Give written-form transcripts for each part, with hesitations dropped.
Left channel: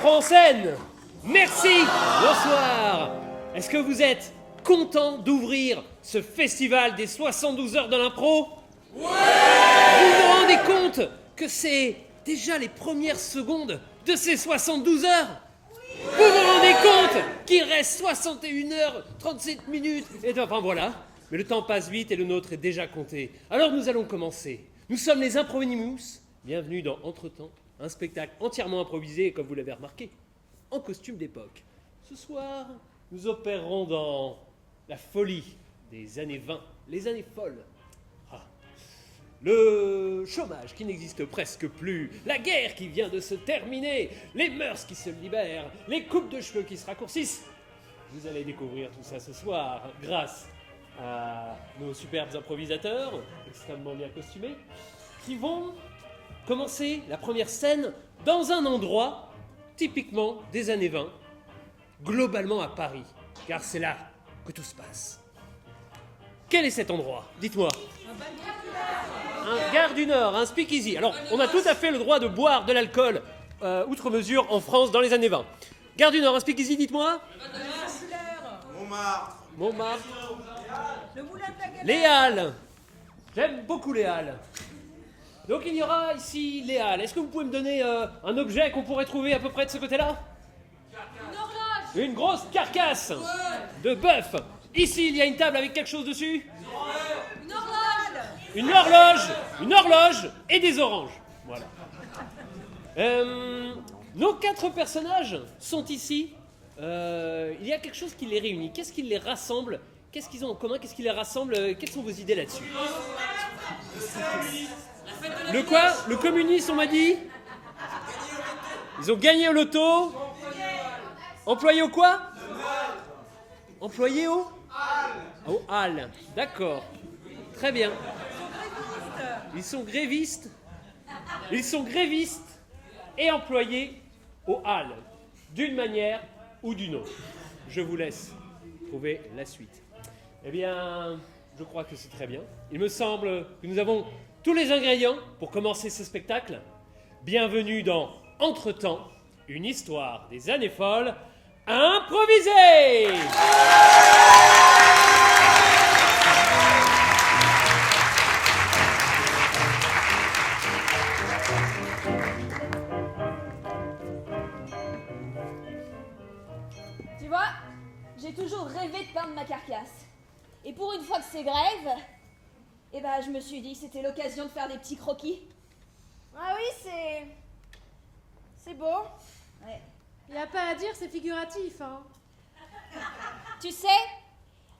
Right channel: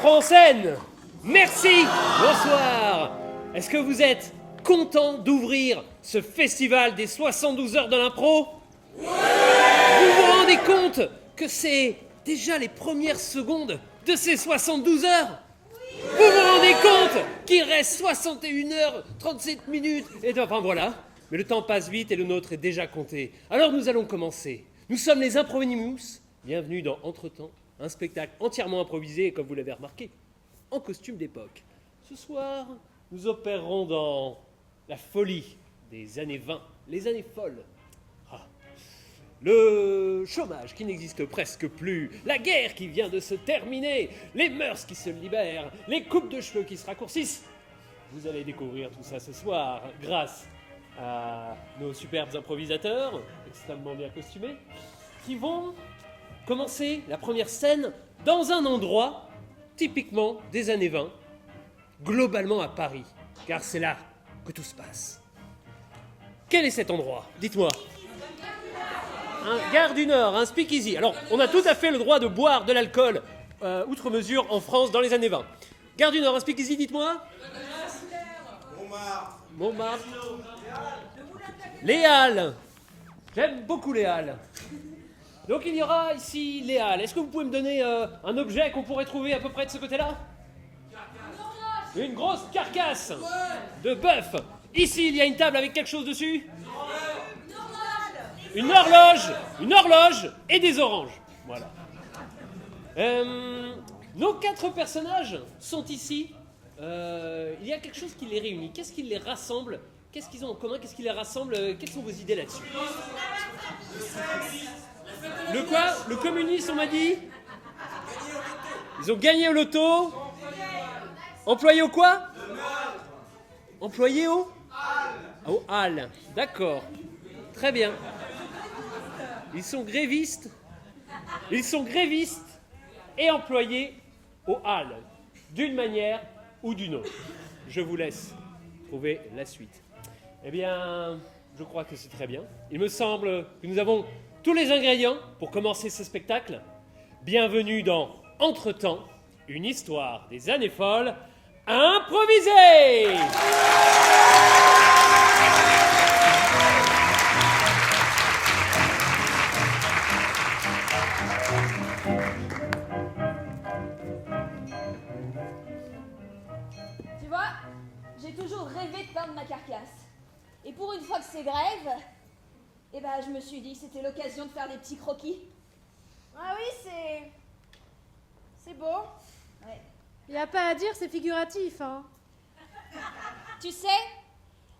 Impro en scène. Merci. Bonsoir. Est-ce que vous êtes content d'ouvrir ce festival des 72 heures de l'impro? Ouais. Vous vous rendez compte que c'est déjà les premières secondes de ces 72 heures? Vous vous rendez compte qu'il reste 61 heures, 37 minutes, et enfin voilà. Mais le temps passe vite et le nôtre est déjà compté. Alors nous allons commencer. Nous sommes les Improvenimus. Bienvenue dans Entretemps, un spectacle entièrement improvisé, comme vous l'avez remarqué, en costume d'époque. Ce soir, nous opérerons dans la folie des années 20, les années folles. Le chômage qui n'existe presque plus, la guerre qui vient de se terminer, les mœurs qui se libèrent, les coupes de cheveux qui se raccourcissent. Vous allez découvrir tout ça ce soir grâce à nos superbes improvisateurs, extrêmement bien costumés, qui vont commencer la première scène dans un endroit typiquement des années 20, globalement à Paris, car c'est là que tout se passe. Quel est cet endroit? Dites-moi. Un Gare du Nord, un speakeasy. Alors, on a tout à fait le droit de boire de l'alcool outre mesure en France dans les années 20. Gare du Nord, un speakeasy, dites-moi. Montmartre. Les Halles. J'aime beaucoup les Halles. Donc il y aura ici les Halles. Est-ce que vous pouvez me donner un objet qu'on pourrait trouver à peu près de ce côté-là? Une grosse carcasse de bœuf. Ici, il y a une table avec quelque chose dessus? Une horloge et des oranges. Voilà. Nos 4 personnages sont ici. Il y a quelque chose qui les réunit. Qu'est-ce qui les rassemble? Qu'est-ce qu'ils ont en commun? Qu'est-ce qui les rassemble? Quelles sont vos idées là-dessus? Le quoi? Le communisme, on m'a dit? Ils ont gagné au loto. Employés au quoi? Employés au hall. D'accord. Très bien. Ils sont grévistes et employés au hall, d'une manière ou d'une autre. Je vous laisse trouver la suite. Eh bien, je crois que c'est très bien. Il me semble que nous avons tous les ingrédients pour commencer ce spectacle. Bienvenue dans Entretemps, une histoire des années folles improvisée. Tu vois, j'ai toujours rêvé de peindre ma carcasse. Et pour une fois que c'est grève, eh ben, je me suis dit que c'était l'occasion de faire des petits croquis. Ah oui, c'est beau. Ouais. Y a pas à dire, c'est figuratif, hein. Tu sais,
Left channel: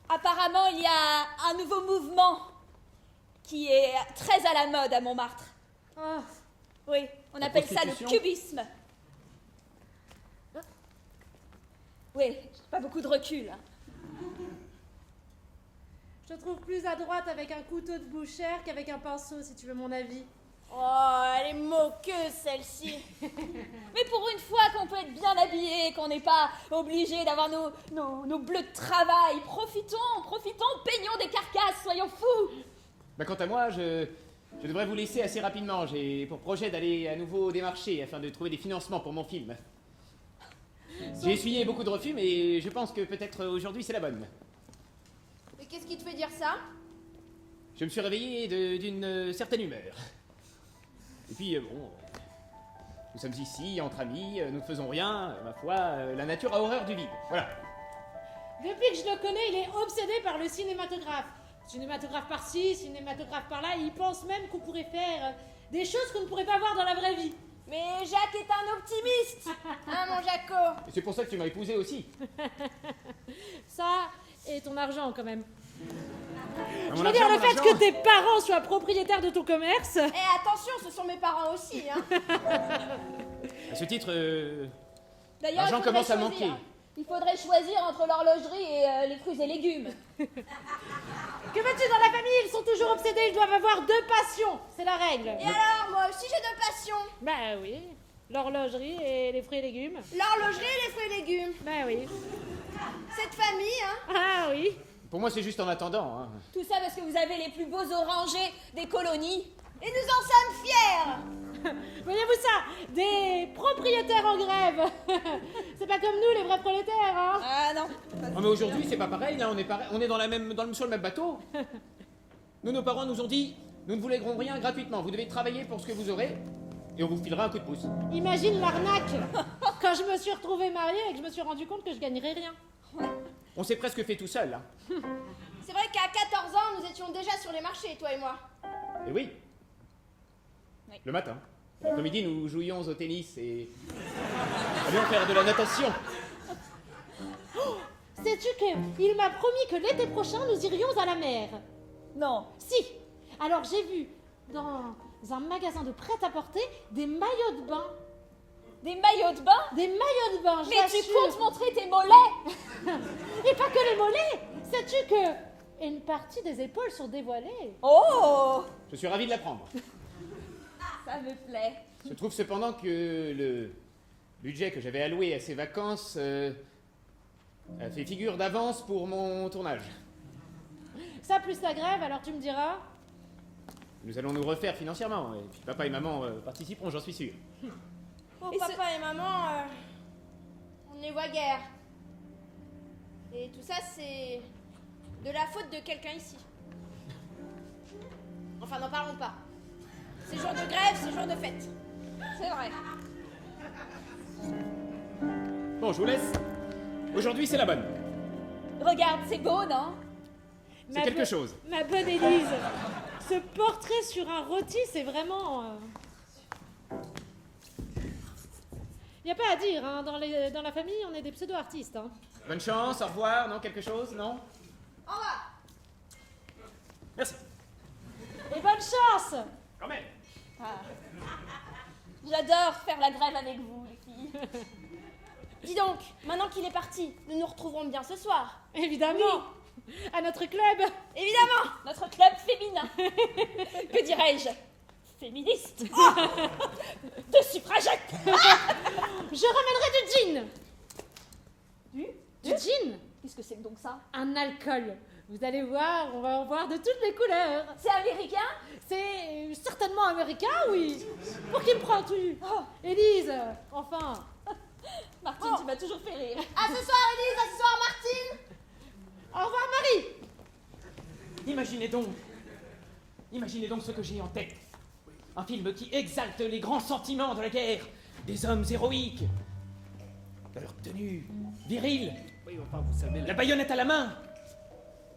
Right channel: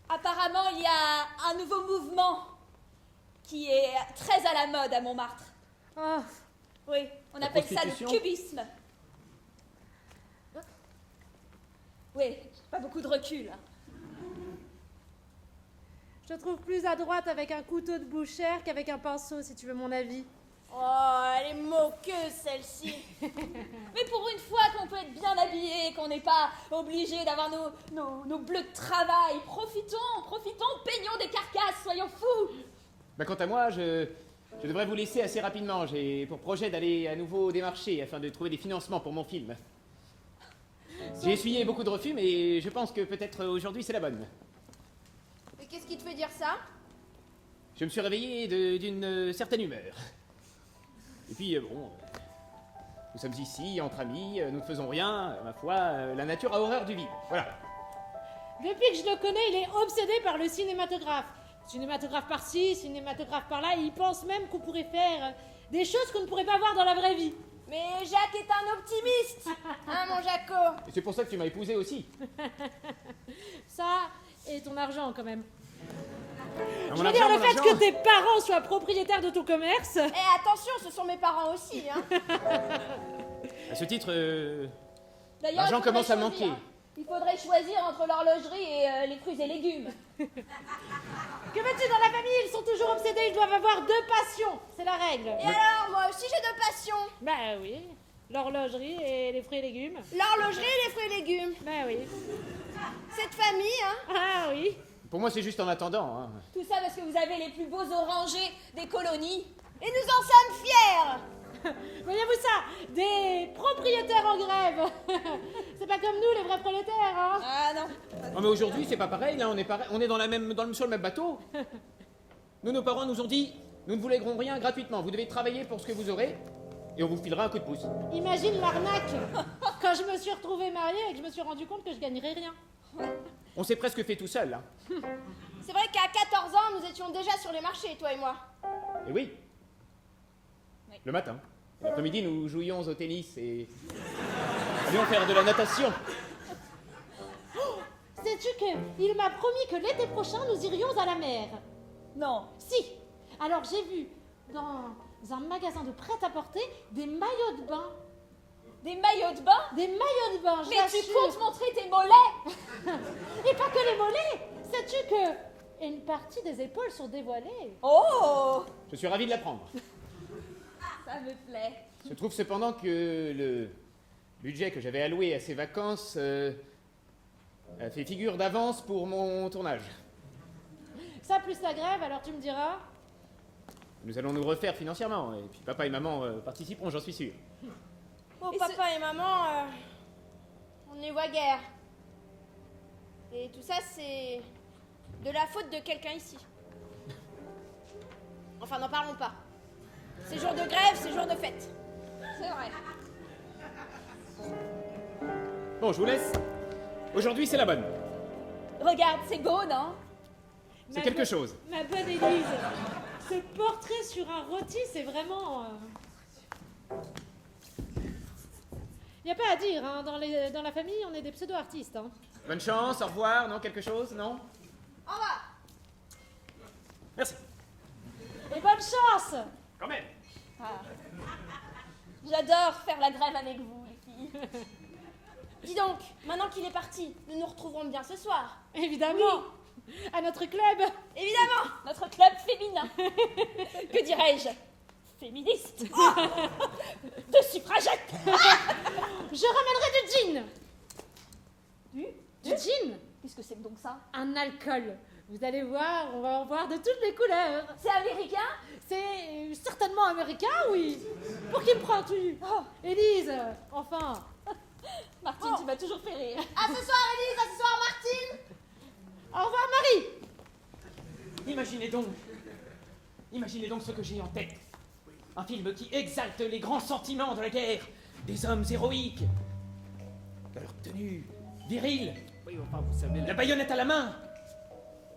apparemment, il y a un nouveau mouvement qui est très à la mode à Montmartre. Ah, Oui, on appelle ça le cubisme. Oui, j'ai pas beaucoup de recul. Hein. je te trouve plus à droite avec un couteau de bouchère qu'avec un pinceau, si tu veux mon avis. Oh, elle est moqueuse, celle-ci. Mais pour une fois qu'on peut être bien habillé, qu'on n'est pas obligé d'avoir nos bleus de travail, profitons, peignons des carcasses, soyons fous. Quant à moi, je devrais vous laisser assez rapidement. J'ai pour projet d'aller à nouveau démarcher afin de trouver des financements pour mon film. J'ai essuyé beaucoup de refus, mais je pense que peut-être aujourd'hui c'est la bonne. Mais qu'est-ce qui te fait dire ça? Je me suis réveillé d'une certaine humeur. Et puis, nous sommes ici, entre amis, nous ne faisons rien. Ma foi, la nature a horreur du vide. Voilà. Depuis que je le connais, il est obsédé par le cinématographe. Cinématographe par-ci, cinématographe par-là, et il pense même qu'on pourrait faire des choses qu'on ne pourrait pas voir dans la vraie vie. Mais Jacques est un optimiste. Hein, mon Jaco? Et c'est pour ça que tu m'as épousé aussi. Ça, et ton argent, quand même. Mon Je veux dire, argent, le mon fait argent. que tes parents soient propriétaires de ton commerce... Eh, attention, ce sont mes parents aussi, hein. À ce titre, D'ailleurs, l'argent il faudrait commence à choisir. manquer. Il faudrait choisir entre l'horlogerie et les fruits et légumes. Que veux-tu, dans la famille, ils sont toujours obsédés, ils doivent avoir 2 passions, c'est la règle. Et alors, moi aussi j'ai 2 passions. Bah oui, l'horlogerie et les fruits et légumes. L'horlogerie et les fruits et légumes. Bah oui. Cette famille, hein. Ah oui. Pour moi, c'est juste en attendant. Hein. Tout ça parce que vous avez les plus beaux orangers des colonies. Et nous en sommes fiers. Voyez-vous ça? Des propriétaires en grève. C'est pas comme nous, les vrais prolétaires, hein? Ah non. Non mais aujourd'hui c'est pas pareil, là, on est sur le même bateau. Nous, nos parents nous ont dit, nous ne vous léguerons rien gratuitement, vous devez travailler pour ce que vous aurez, et on vous filera un coup de pouce. Imagine l'arnaque quand je me suis retrouvée mariée et que je me suis rendu compte que je gagnerais rien. On s'est presque fait tout seul, là. C'est vrai qu'à 14 ans, nous étions déjà sur les marchés, toi et moi. Et oui. Le matin. L'après-midi, nous jouions au tennis et allions faire de la natation. Sais-tu qu'il m'a promis que l'été prochain, nous irions à la mer? Non. Si. Alors j'ai vu dans un magasin de prêt-à-porter des maillots de bain. Des maillots de bain? Des maillots de bain, Mais tu j'assure. comptes montrer tes mollets? Et pas que les mollets. Sais-tu que une partie des épaules sont dévoilées? Oh! Je suis ravi de l'apprendre. Ça me plaît. Je trouve cependant que le budget que j'avais alloué à ces vacances a fait figure d'avance pour mon tournage. Ça plus la grève, alors tu me diras. Nous allons nous refaire financièrement, et puis papa et maman participeront, j'en suis sûr. Pour Et papa et maman, on n'y voit guère. Et tout ça, c'est de la faute de quelqu'un ici. Enfin, n'en parlons pas. C'est jour de grève, c'est jour de fête. C'est vrai. Bon, je vous laisse. Aujourd'hui, c'est la bonne. Regarde, c'est beau, non? C'est quelque chose. Ma bonne Élise, ce portrait sur un rôti, c'est vraiment... Il n'y a pas à dire, hein, dans la famille, on est des pseudo-artistes. Hein. Bonne chance, au revoir, non? Quelque chose, non? Au revoir. Merci. Et bonne chance! Quand même. Ah. J'adore faire la grève avec vous, les filles. Dis donc, maintenant qu'il est parti, nous nous retrouverons bien ce soir. Évidemment! À notre club! Évidemment. Notre club féminin. Que dirais-je? Féministe. De suffragettes. Je ramènerai du gin! Du gin? Qu'est-ce que c'est donc ça? Un alcool. Vous allez voir, on va en voir de toutes les couleurs. C'est américain? C'est certainement américain, oui. Pour qui me prends-tu? Élise, enfin. Martine, tu m'as toujours fait rire. À ce soir, Élise, à ce soir, Martine. Au revoir, Marie. Imaginez donc ce que j'ai en tête. Un film qui exalte les grands sentiments de la guerre. Des hommes héroïques. Leur tenue virile. Oui, enfin, vous savez... La baïonnette à la main.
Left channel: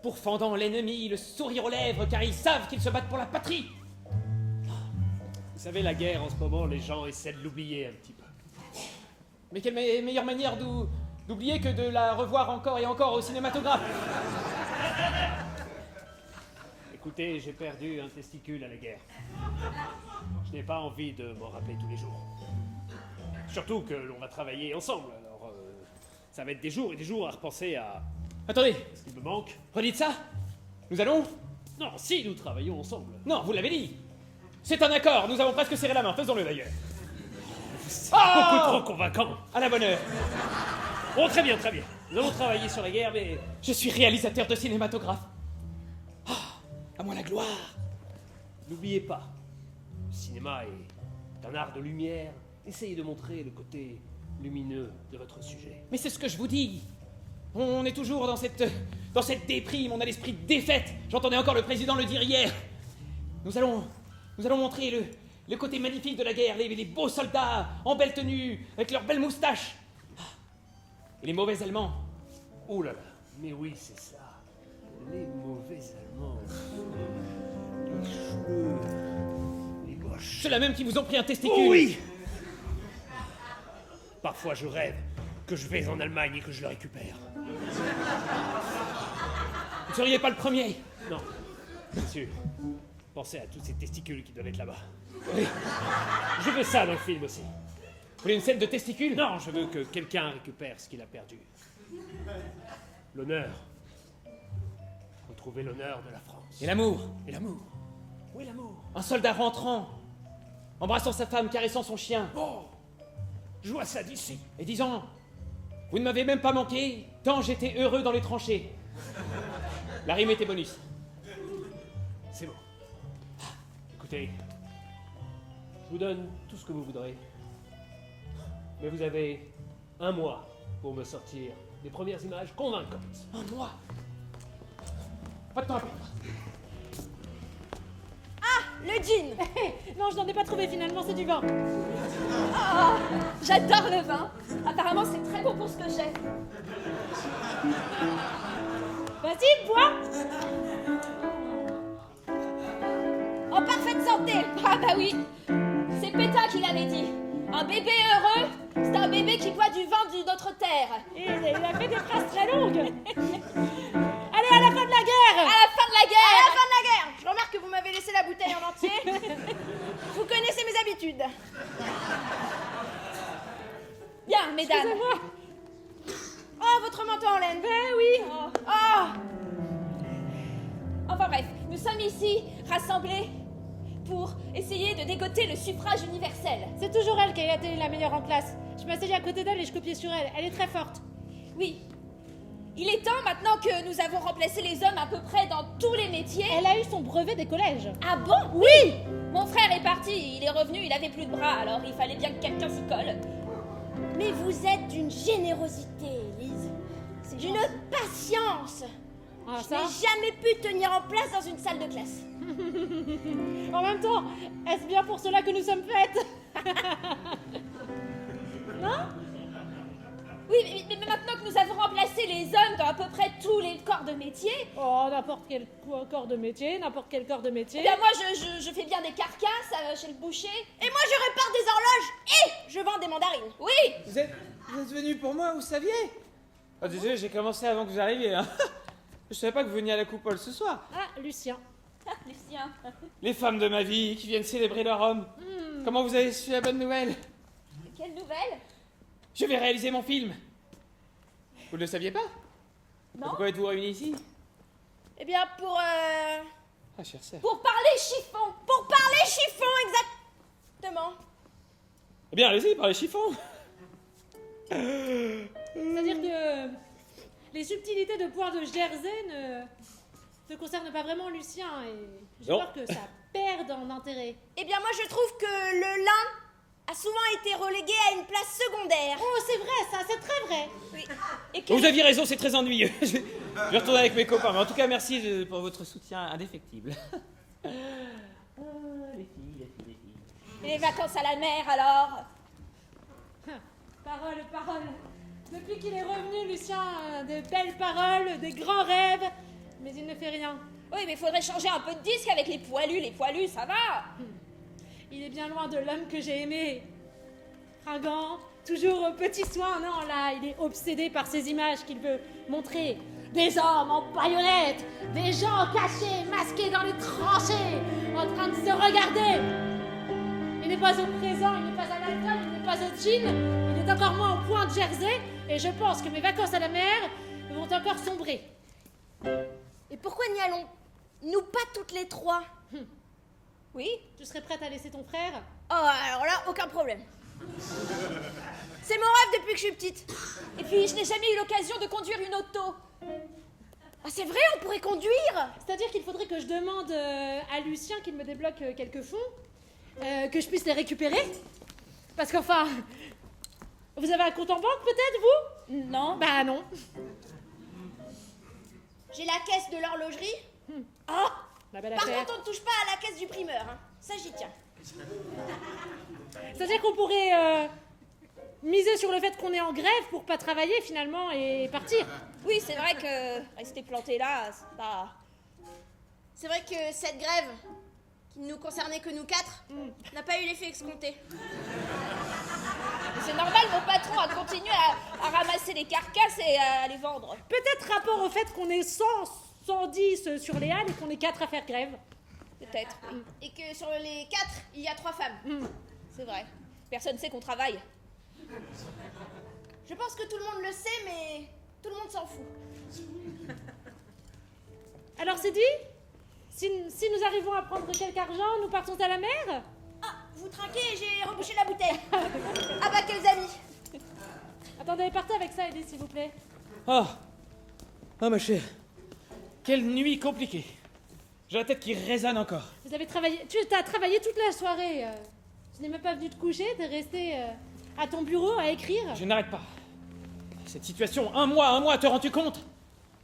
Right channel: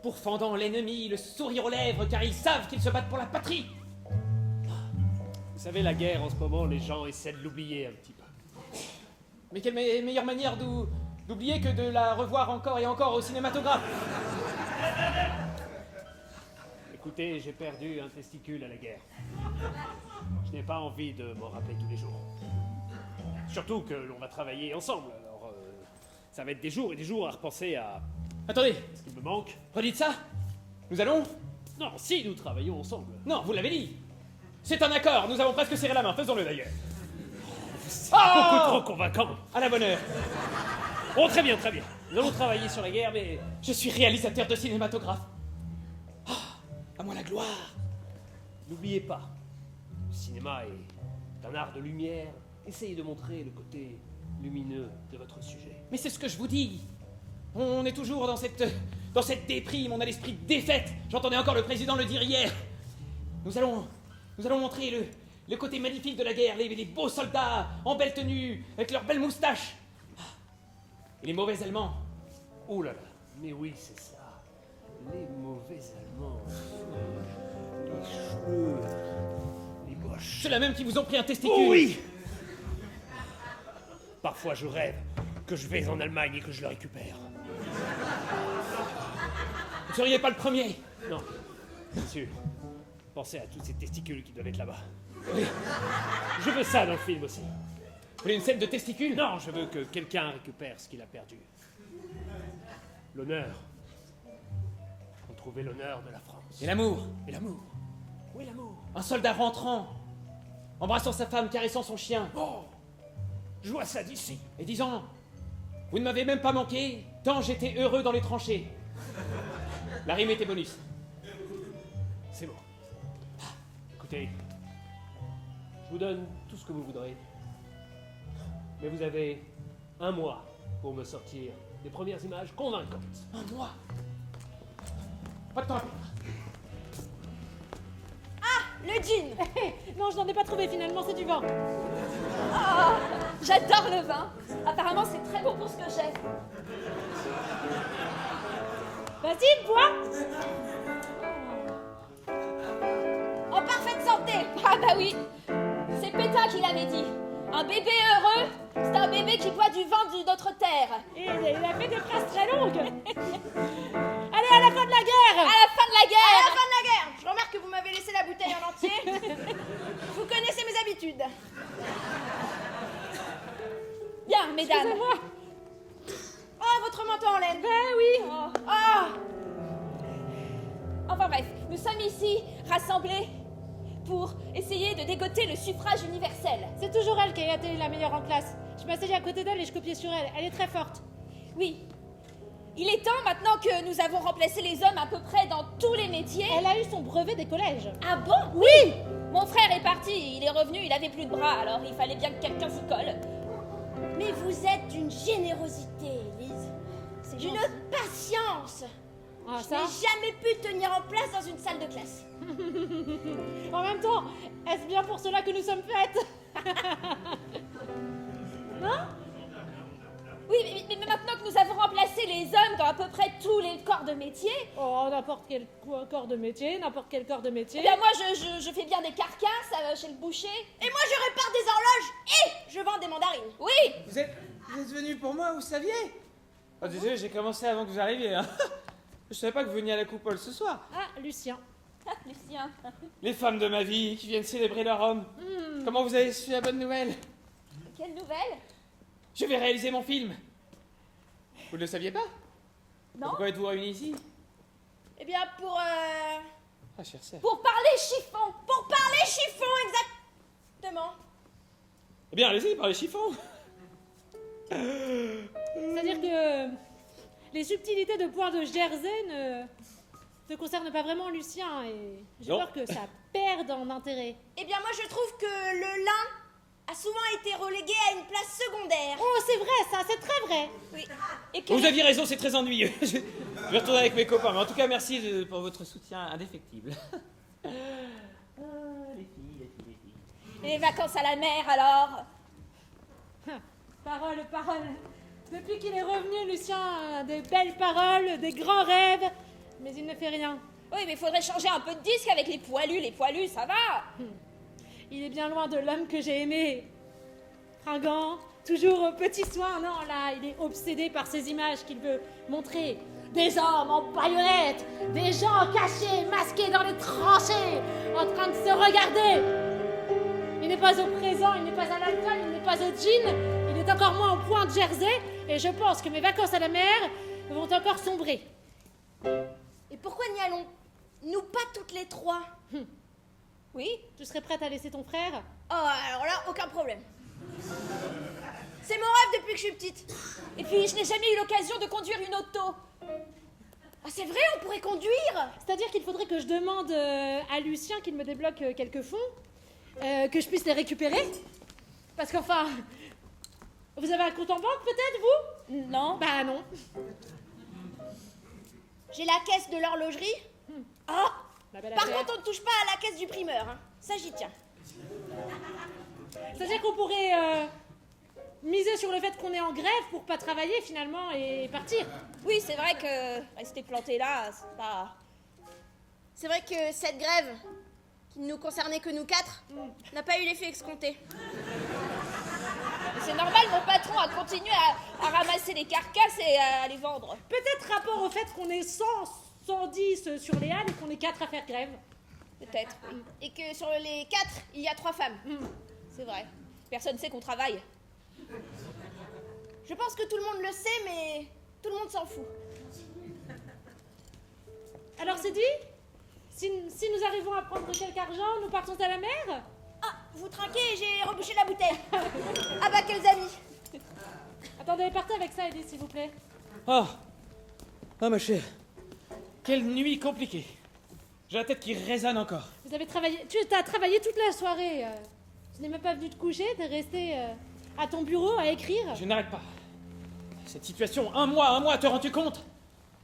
Pourfendant l'ennemi, le sourire aux lèvres, car ils savent qu'ils se battent pour la patrie. Vous savez, la guerre, en ce moment, les gens essaient de l'oublier un petit peu. Mais quelle meilleure manière d'oublier que de la revoir encore et encore au cinématographe. Écoutez, j'ai perdu un testicule à la guerre. Je n'ai pas envie de m'en rappeler tous les jours. Surtout que l'on va travailler ensemble, alors ça va être des jours et des jours à repenser à Attendez, ce qui me manque. redites ça. Nous allons... Non, si, nous travaillons ensemble. Non, vous l'avez dit. C'est un accord, nous avons presque serré la main, faisons-le d'ailleurs. Beaucoup trop convaincant. À la bonne heure. Bon, très bien, très bien. Nous allons travailler sur la guerre, mais... Je suis réalisateur de cinématographe. À moi la gloire. N'oubliez pas, le cinéma est un art de lumière. Essayez de montrer le côté lumineux de votre sujet. Mais c'est ce que je vous dis. On est toujours dans cette déprime, on a l'esprit de défaite. J'entendais encore le président le dire hier. Nous allons montrer le côté magnifique de la guerre, les beaux soldats en belle tenue, avec leurs belles moustaches. Et les mauvais Allemands. Oh là là, mais oui, c'est ça. Les mauvais Allemands. Les gauches. Ceux-là même qui vous ont pris un testicule. Oh oui. Parfois je rêve que je vais en Allemagne et que je le récupère. Vous ne seriez pas le premier. Non, bien sûr. Pensez à tous ces testicules qui doivent être là-bas. Oui. Je veux ça dans le film aussi. Vous voulez une scène de testicules? Non, je veux que quelqu'un récupère ce qu'il a perdu. L'honneur. Retrouver l'honneur de la France. Et l'amour. Et l'amour. Où est l'amour? Un soldat rentrant, embrassant sa femme, caressant son chien. Oh, je vois ça d'ici. Et disant, vous ne m'avez même pas manqué, tant j'étais heureux dans les tranchées. La rime était bonus. C'est bon. Écoutez, je vous donne tout ce que vous voudrez. Mais vous avez 1 mois pour me sortir des premières images convaincantes. Un mois. Pas de temps à perdre. Le jean. Non, je n'en ai pas trouvé finalement, c'est du vin. Oh, j'adore le vin. Apparemment, c'est très bon pour ce que j'ai. Vas-y, bois. En parfaite santé. Ah bah oui. C'est Péta qui l'avait dit. Un bébé heureux, c'est un bébé qui boit du vin d'une autre terre. Et il a fait des phrases très longues. Allez, à la fin de la guerre. À la fin de la À la guerre. fin de la guerre, je remarque que vous m'avez laissé la bouteille en entier. Vous connaissez mes habitudes. Bien, mesdames. Excusez-moi. Oh, votre manteau en laine. Ben oui. Oh, Enfin bref, nous sommes ici, rassemblés, pour essayer de dégoter le suffrage universel. C'est toujours elle qui a été la meilleure en classe. Je m'asseyais à côté d'elle et je copiais sur elle. Elle est très forte. Oui. Il est temps, maintenant que nous avons remplacé les hommes à peu près dans tous les métiers. Elle a eu son brevet des collèges. Ah bon? Oui. Mon frère est parti, il est revenu, il avait plus de bras, alors il fallait bien que quelqu'un s'y colle. mais vous êtes d'une générosité, Lise. D'une patience. Ah, Je ça. n'ai jamais pu tenir en place dans une salle de classe. En même temps, est-ce bien pour cela que nous sommes faites? Non? Oui, mais maintenant que nous avons remplacé les hommes dans à peu près tous les corps de métier, Oh, n'importe quel corps de métier, n'importe quel corps de métier. eh bien moi je fais bien des carcasses chez le boucher. Et moi, je répare des horloges et je vends des mandarines. Oui, Vous êtes venu pour moi, vous saviez? Ah, désolé, j'ai commencé avant que vous arriviez. Hein. Je savais pas que vous veniez à la coupole ce soir. Ah, Lucien. Lucien. Les femmes de ma vie qui viennent célébrer leur homme. Comment vous avez su la bonne nouvelle? Quelle nouvelle? Je vais réaliser mon film. Vous ne le saviez pas? Non. Pourquoi êtes-vous réunis ici? Eh bien, pour Ah, chère sœur. Pour parler chiffon. pour parler chiffon, exactement. Eh bien, allez-y, parlez chiffon. C'est-à-dire que les subtilités de poire de Jersey ne concernent pas vraiment Lucien et j'ai Non. peur que ça perde en intérêt. Eh bien, moi, je trouve que le lin a souvent été relégué à une place secondaire. Oh, c'est vrai ça, c'est très vrai. Et que Vous aviez raison, c'est très ennuyeux. Je vais retourner avec mes copains. Mais en tout cas, merci pour votre soutien indéfectible. Ah, les filles. les vacances à la mer alors? Parole. Depuis qu'il est revenu, Lucien a de belles paroles, des grands rêves, mais il ne fait rien. Oui, mais il faudrait changer un peu de disque avec les poilus. Les poilus, ça va. Il est bien loin de l'homme que j'ai aimé. Fringant, toujours aux petits soins. Non, là, il est obsédé par ces images qu'il veut montrer. Des hommes en baïonnettes, des gens cachés, masqués dans les tranchées, en train de se regarder. Il n'est pas au présent, il n'est pas à l'alcool, il n'est pas au gin, il est encore moins au point de Jersey, et je pense que mes vacances à la mer vont encore sombrer. Et pourquoi n'y allons-nous pas toutes les trois? Oui. Tu serais prête à laisser ton frère? Oh, alors là, aucun problème. C'est mon rêve depuis que je suis petite. Et puis je n'ai jamais eu l'occasion de conduire une auto. Ah, c'est vrai, on pourrait conduire. C'est-à-dire qu'il faudrait que je demande à Lucien qu'il me débloque quelques fonds, que je puisse les récupérer. Parce qu'enfin, vous avez un compte en banque peut-être, vous? Non. Bah non. J'ai la caisse de l'horlogerie. Ah. La belle Par affaire. contre, on ne touche pas à la caisse du primeur. Hein. Ça, j'y tiens. C'est-à-dire qu'on pourrait miser sur le fait qu'on est en grève pour pas travailler finalement et partir. Oui, c'est vrai que rester planté là, c'est pas. C'est vrai que cette grève, qui ne nous concernait que nous quatre, n'a pas eu l'effet escompté. C'est normal, mon patron a continué à ramasser les carcasses et à les vendre. Peut-être rapport au fait qu'on est 100, 110 sur les halles et qu'on est 4 à faire grève. Peut-être. Oui. Et que sur les quatre, il y a 3 femmes. C'est vrai. Personne sait qu'on travaille. Je pense que tout le monde le sait, mais tout le monde s'en fout. Alors c'est dit? Si nous arrivons à prendre quelque argent, nous partons à la mer? Ah, vous trinquez, j'ai rebouché la bouteille. Ah bah, quels amis. Attendez, partez avec ça, Edith, s'il vous plaît. Ah, ma chère. Quelle nuit compliquée. J'ai la tête qui résonne encore. Vous avez travaillé... Tu as travaillé toute la soirée. Tu n'es même pas venu te coucher, t'es resté à ton bureau à écrire. Je n'arrête pas. Cette situation, un mois, te rends-tu compte?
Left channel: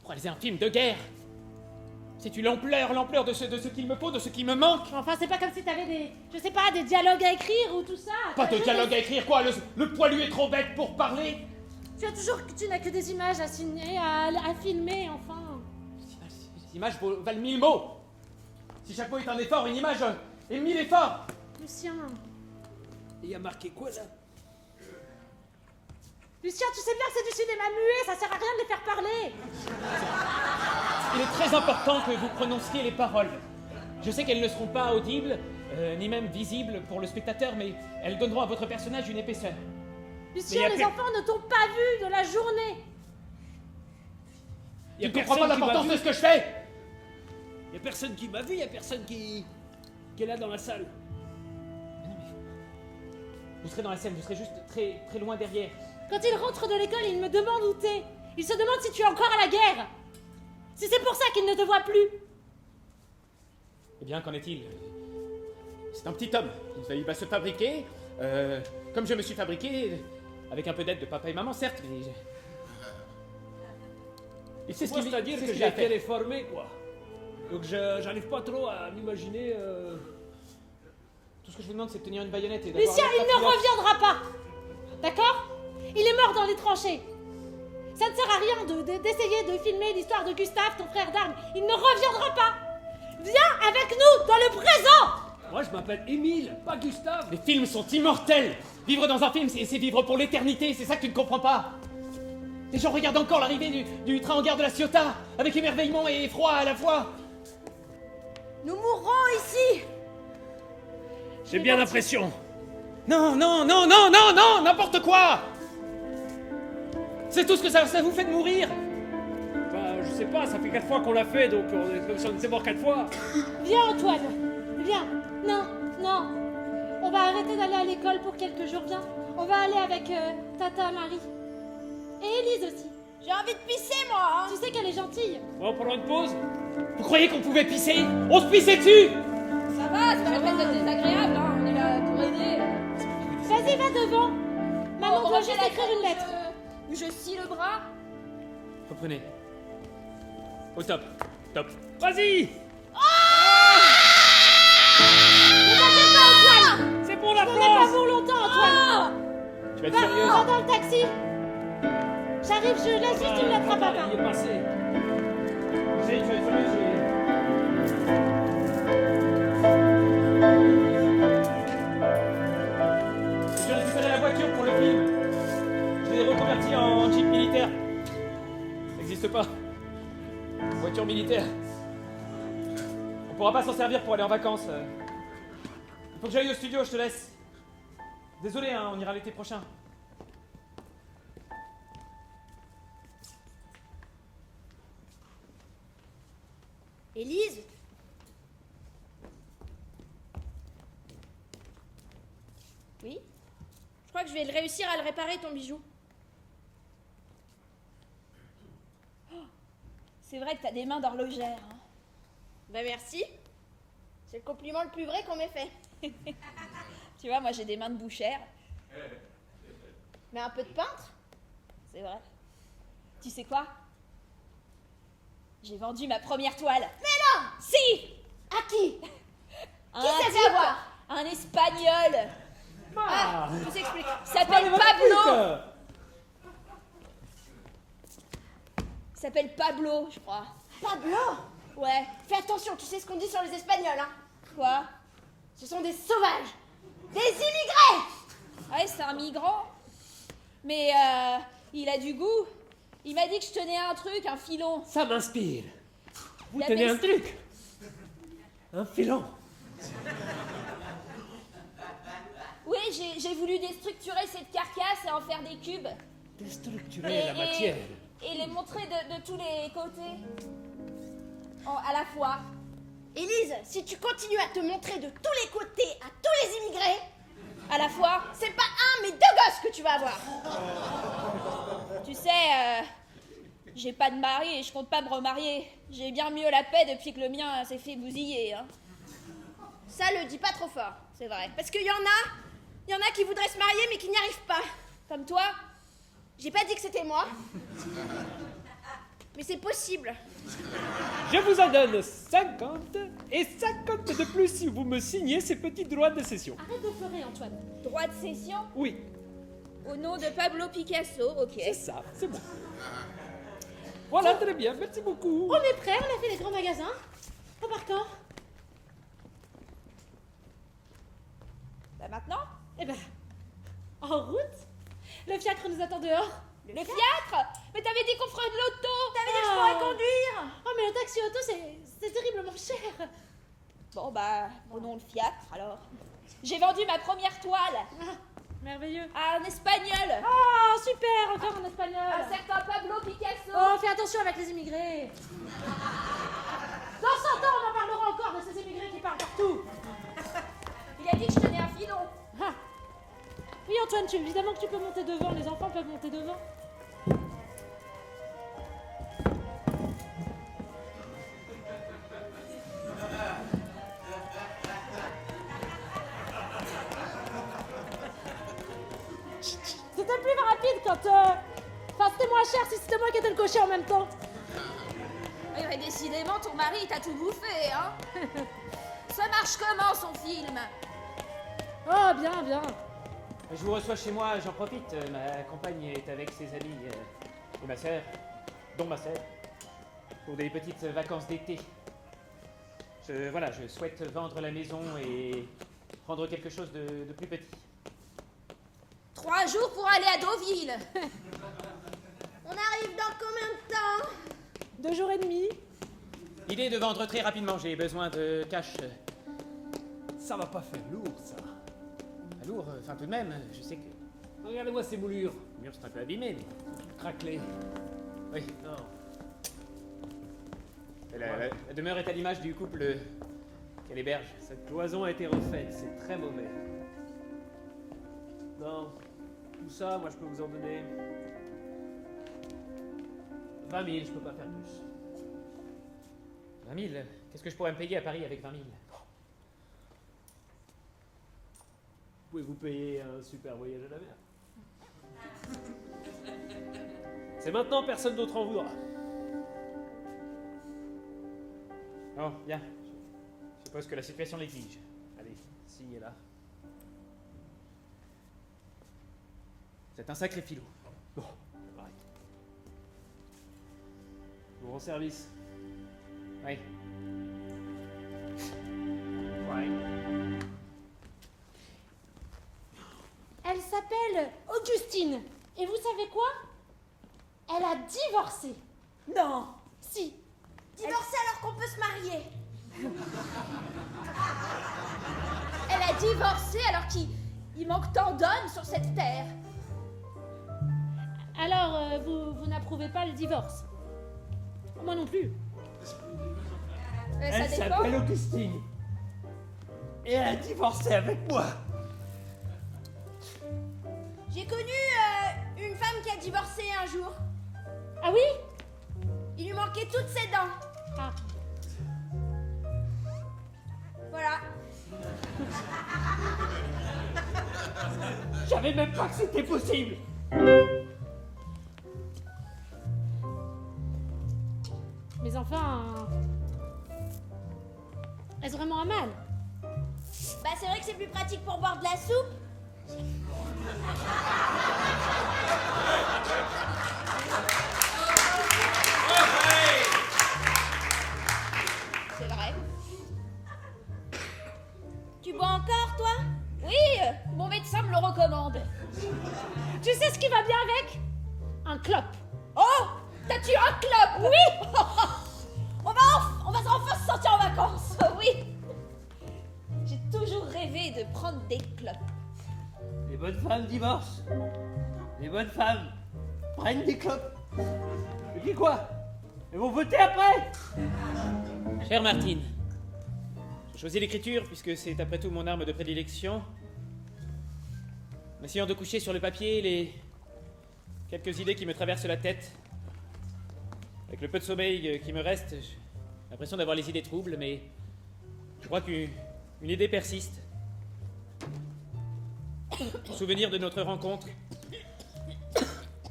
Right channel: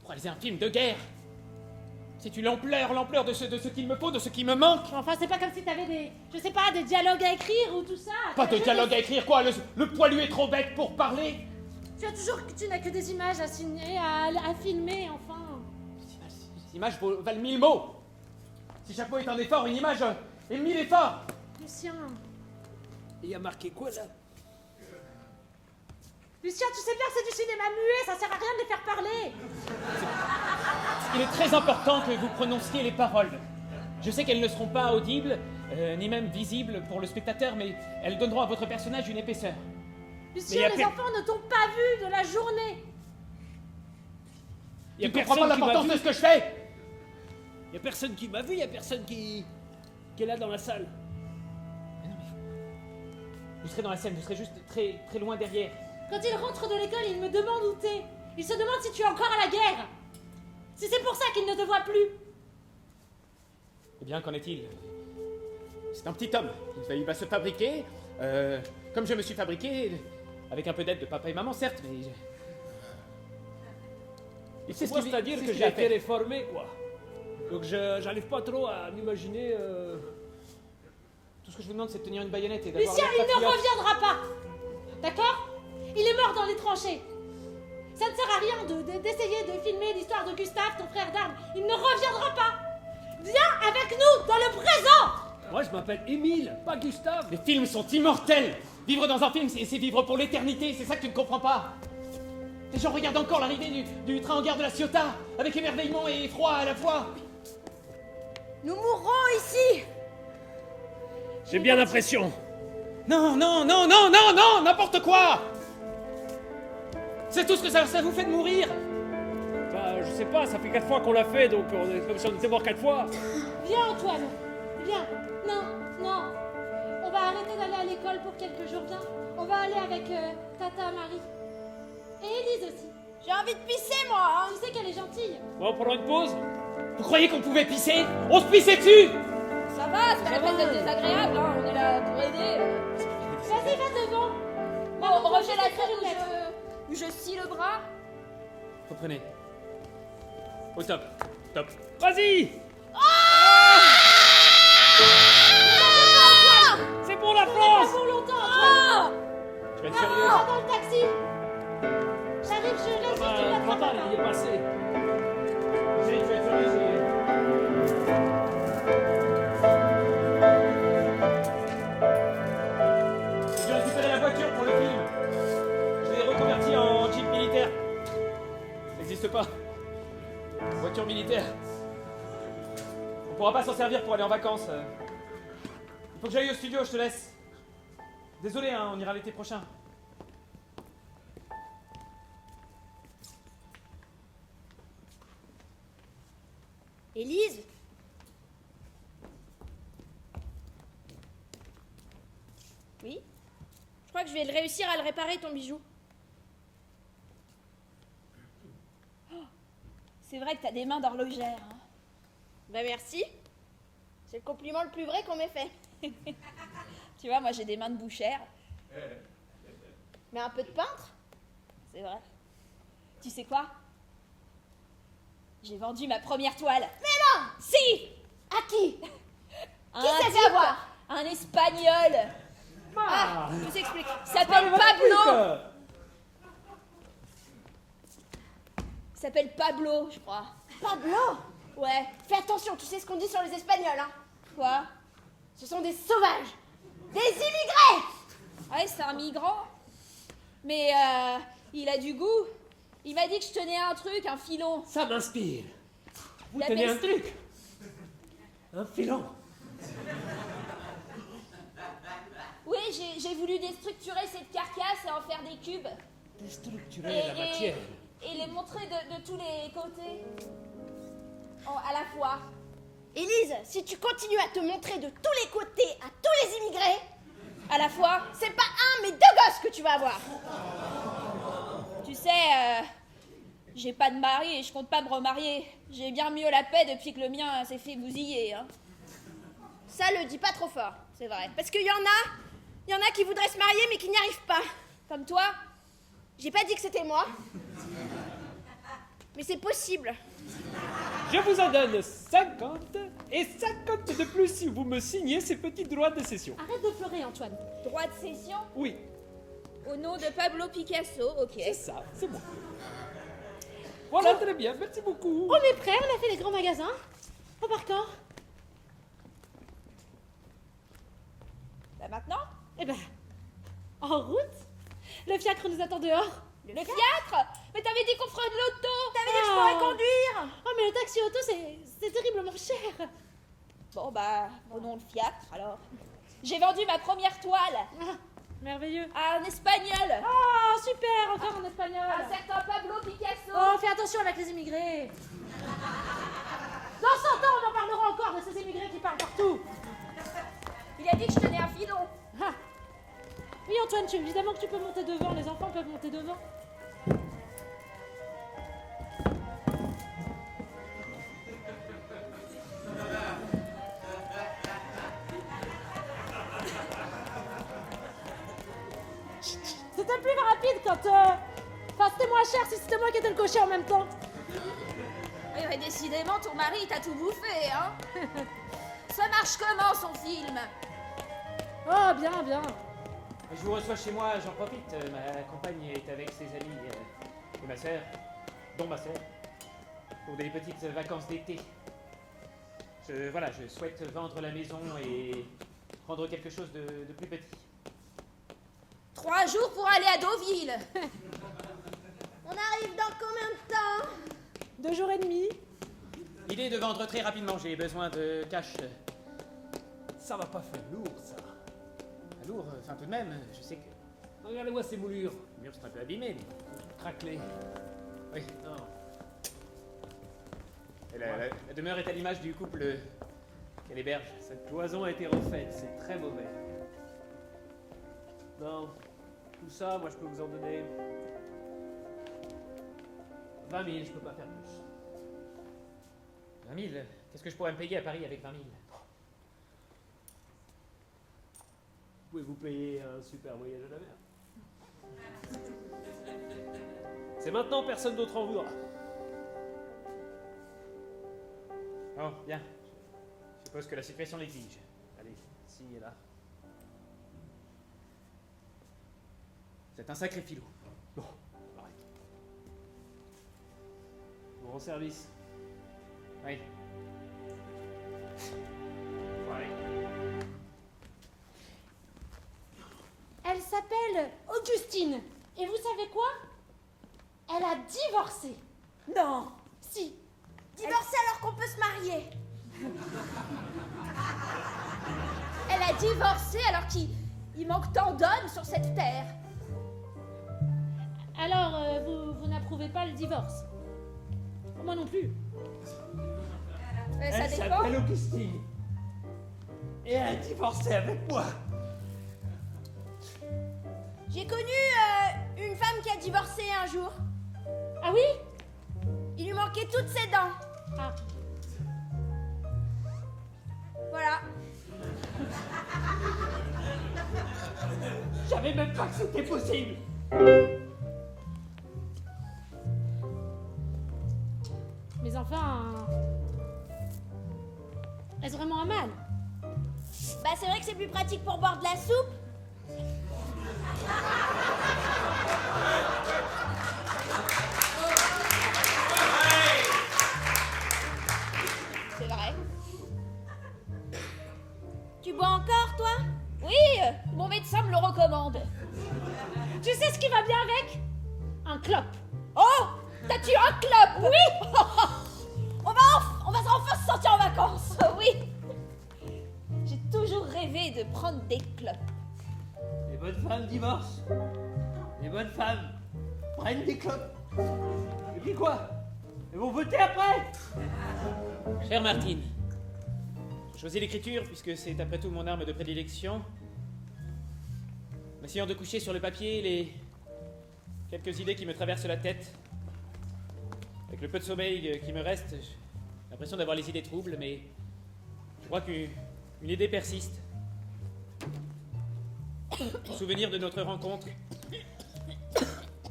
Pour réaliser un film de guerre. Sais-tu l'ampleur de ce qu'il me faut, de ce qui me manque? Enfin, c'est pas comme si t'avais des dialogues à écrire ou tout ça. Pas de dialogue à écrire, quoi? Le poilu est trop bête pour parler. Tu n'as que des images à signer, à filmer, enfin. Ces images valent 1000 mots. Si chaque mot est un effort, une image est 1000 efforts. Lucien, Il y a marqué quoi là? Lucien, tu sais bien que c'est du cinéma muet, ça sert à rien de les faire parler. Il est très important que vous prononciez les paroles. Je sais qu'elles ne seront pas audibles, ni même visibles pour le spectateur, mais elles donneront à votre personnage une épaisseur. Lucien, les enfants ne t'ont pas vu de la journée. Il y a Tu ne comprends pas personne qui m'a l'importance vu. de ce que je fais. Il y a personne qui m'a vu, il y a personne qui est là dans la salle. Vous serez dans la scène, vous serez juste très, très loin derrière. Quand il rentre de l'école, il me demande où t'es. Il se demande si tu es encore à la guerre. Si c'est pour ça qu'il ne te voit plus. Eh bien, qu'en est-il? C'est un petit homme. Il va se fabriquer, comme je me suis fabriqué, avec un peu d'aide de papa et maman, certes, mais... Et c'est ce qu'il C'est-à-dire c'est que ce qu'il a j'ai été fait. réformé, quoi. Donc j'arrive pas trop à m'imaginer... Tout ce que je vous demande, c'est de tenir une baïonnette et d'avoir Lucien, l'air il ne patriote. reviendra pas. D'accord? Il est mort dans les tranchées. Ça ne sert à rien d'essayer de filmer l'histoire de Gustave, ton frère d'armes. Il ne reviendra pas. Viens avec nous dans le présent. Moi, je m'appelle Émile, pas Gustave. Les films sont immortels. Vivre dans un film, c'est vivre pour l'éternité. C'est ça que tu ne comprends pas. Les gens regardent encore l'arrivée du train en gare de la Ciotat, avec émerveillement et effroi à la fois. Nous mourrons ici. J'ai bien l'impression. Non, n'importe quoi. C'est tout ce que ça vous fait de mourir. Bah, je sais pas, ça fait 4 fois qu'on l'a fait, donc on est comme si on était mort 4 fois. Viens, Antoine. Viens. Non. On va arrêter d'aller à l'école pour quelques jours. Viens. On va aller avec Tata Marie. Et Élise aussi. J'ai envie de pisser, moi. Hein. Tu sais qu'elle est gentille. Bon, on prend une pause. Vous croyez qu'on pouvait pisser? On se pissait dessus. Ça va, c'est pas la peine d'être désagréable. Hein. On est là pour aider. Vas-y, va devant. Bon, Maman, doit Roger juste la écrire crème une lettre. où je scie le bras. Reprenez. Au top. Top. Vas-y. C'est pour la Pas France. pour longtemps, Antoine. Tu vas être Va, sérieuse? va dans le taxi. J'arrive, je laisse juste une lettre à Papa, papa. il est passé. Tu vas être sérieuse? Je vais récupérer la voiture pour le film. Je l'ai reconvertie en jeep militaire. Ça n'existe pas. Voiture militaire. On pourra pas s'en servir pour aller en vacances. Il faut que j'aille au studio, je te laisse. Désolé, hein, on ira l'été prochain. Élise? Oui? Je crois que je vais réussir à le réparer, ton bijou. C'est vrai que t'as des mains d'horlogère. Hein. Ben merci. C'est le compliment le plus vrai qu'on m'ait fait. Tu vois, moi j'ai des mains de bouchère. Mais un peu de peintre? C'est vrai. Tu sais quoi? J'ai vendu ma première toile. Mais non! Si! À qui? Un Qui s'est fait type, avoir? un espagnol. Ah, je t'explique. Il s'appelle Pablo. Il s'appelle Pablo, je crois. Pablo? Ouais. Fais attention, tu sais ce qu'on dit sur les Espagnols, hein? Quoi? Ce sont des sauvages! Des immigrés! Ouais, c'est un migrant. Mais il a du goût. Il m'a dit que je tenais un truc, un filon. Ça m'inspire. Vous Il tenez appelle- un truc. Un filon. Oui, j'ai voulu déstructurer cette carcasse et en faire des cubes. Déstructurer la matière. Et les montrer de tous les côtés. À la fois. Élise, si tu continues à te montrer de tous les côtés à tous les immigrés, À la fois. c'est pas un mais deux gosses que tu vas avoir. Tu sais, j'ai pas de mari et je compte pas me remarier. J'ai bien mieux la paix depuis que le mien s'est fait bousiller. Hein. Ça, le dis pas trop fort. c'est vrai. Parce qu'il y en a qui voudraient se marier mais qui n'y arrivent pas. Comme toi. J'ai pas dit que c'était moi. Mais c'est possible. Je vous en donne 50 et 50 de plus si vous me signez ces petits droits de cession. Arrête de pleurer, Antoine. Droit de cession Oui, au nom de Pablo Picasso, ok. c'est ça, c'est bon. Voilà, très bien, merci beaucoup. On est prêt, on a fait les grands magasins. On part quand? Bah maintenant, Eh ben, en route. Le fiacre nous attend dehors. le fiacre. Mais t'avais dit qu'on ferait de l'auto. T'avais dit que je pourrais conduire. Oh, mais le taxi auto, c'est terriblement cher. Bon bah, prenons le fiacre alors. J'ai vendu ma première toile Ah, merveilleux. à un espagnol. Oh, super, encore en espagnol. Un certain Pablo Picasso. Oh, fais attention avec les immigrés. Dans 100 ans, on en parlera encore de ces immigrés qui parlent partout. Il a dit que je tenais un filon. Ah. Oui, Antoine, évidemment que tu peux monter devant. Les enfants peuvent monter devant. C'était le plus rapide quand... Enfin, c'était moins cher si c'était moi qui étais le cocher en même temps. Oui, mais décidément, ton mari t'a tout bouffé, hein. Ça marche comment, son film? Oh, bien, bien. Je vous reçois chez moi, j'en profite. Ma compagne est avec ses amis et ma sœur, dont ma sœur, pour des petites vacances d'été. Je souhaite vendre la maison et prendre quelque chose de plus petit. 3 jours pour aller à Deauville. On arrive dans combien de temps? 2 jours et demi. L'idée est de vendre très rapidement, j'ai besoin de cash. Ça va pas faire lourd, ça. Lourd, enfin tout de même, je sais que... Regardez-moi ces moulures. Les murs sont un peu abîmés, mais... Craquelées. Oui, Non. la demeure est à l'image du couple qu'elle héberge. Cette cloison a été refaite, c'est très mauvais. Non, tout ça, moi je peux vous en donner 20 000, je peux pas faire plus. 20 000, qu'est-ce que je pourrais me payer à Paris avec 20 000? Pouvez-vous payer un super voyage à la mer? C'est maintenant, personne d'autre en voudra. Non, bien. Je suppose que la situation l'exige. Allez, signez là. C'est un sacré filou. Bon, pareil. Je vous rends service. Oui. Ouais. Elle s'appelle Augustine. Et vous savez quoi? Elle a divorcé. Non. Si. Divorcer alors qu'on peut se marier. Elle a divorcé alors qu'il manque tant d'hommes sur cette terre. Alors, vous n'approuvez pas le divorce? Moi non plus. Mais ça Elle dépend. s'appelle Augustine. Et elle a divorcé avec moi. J'ai connu une femme qui a divorcé un jour. Ah oui? Il lui manquait toutes ses dents. Ah. Voilà. Je savais même pas que c'était possible. Mais enfin... Est-ce vraiment un mal? Bah c'est vrai que c'est plus pratique pour boire de la soupe. C'est vrai. Tu bois encore, toi? Oui, mon médecin me le recommande. Tu sais ce qui va bien avec? Un clope. Oh, t'as-tu un club? Oui. on va enfin se sortir en vacances. Oui. J'ai toujours rêvé de prendre des clopes. Les bonnes femmes divorcent. Les bonnes femmes prennent des clopes. Et puis quoi? Elles vont voter après. Chère Martine, j'ai choisi l'écriture puisque c'est après tout mon arme de prédilection. En essayant de coucher sur le papier les quelques idées qui me traversent la tête. Avec le peu de sommeil qui me reste, j'ai l'impression d'avoir les idées troubles, mais je crois qu'une idée persiste. Souvenir de notre rencontre.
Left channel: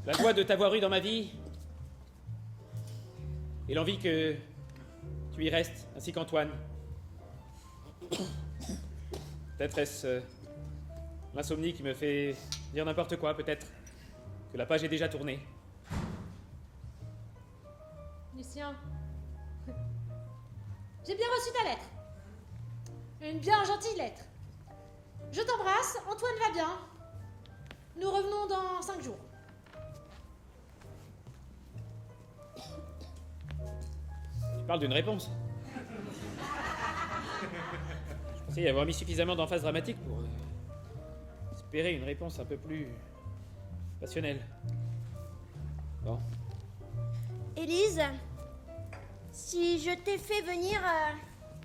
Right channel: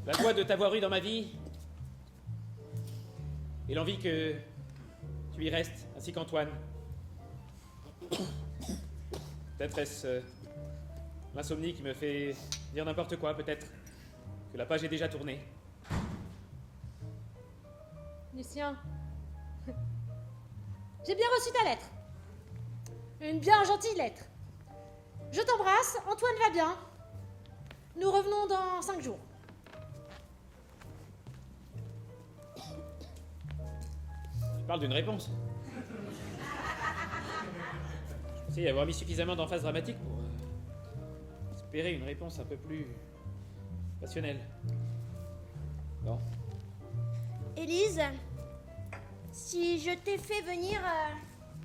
La joie de t'avoir eu dans ma vie. Et l'envie que tu y restes, ainsi qu'Antoine. Peut-être est-ce l'insomnie qui me fait dire n'importe quoi, peut-être que la page est déjà tournée. Lucien, j'ai bien reçu ta lettre. Une bien gentille lettre. Je t'embrasse, Antoine va bien. Nous revenons dans 5 jours. Tu parles d'une réponse. Je pensais y avoir mis suffisamment d'emphase dramatique pour espérer une réponse un peu plus passionnelle. Bon. Élise, si je t'ai fait venir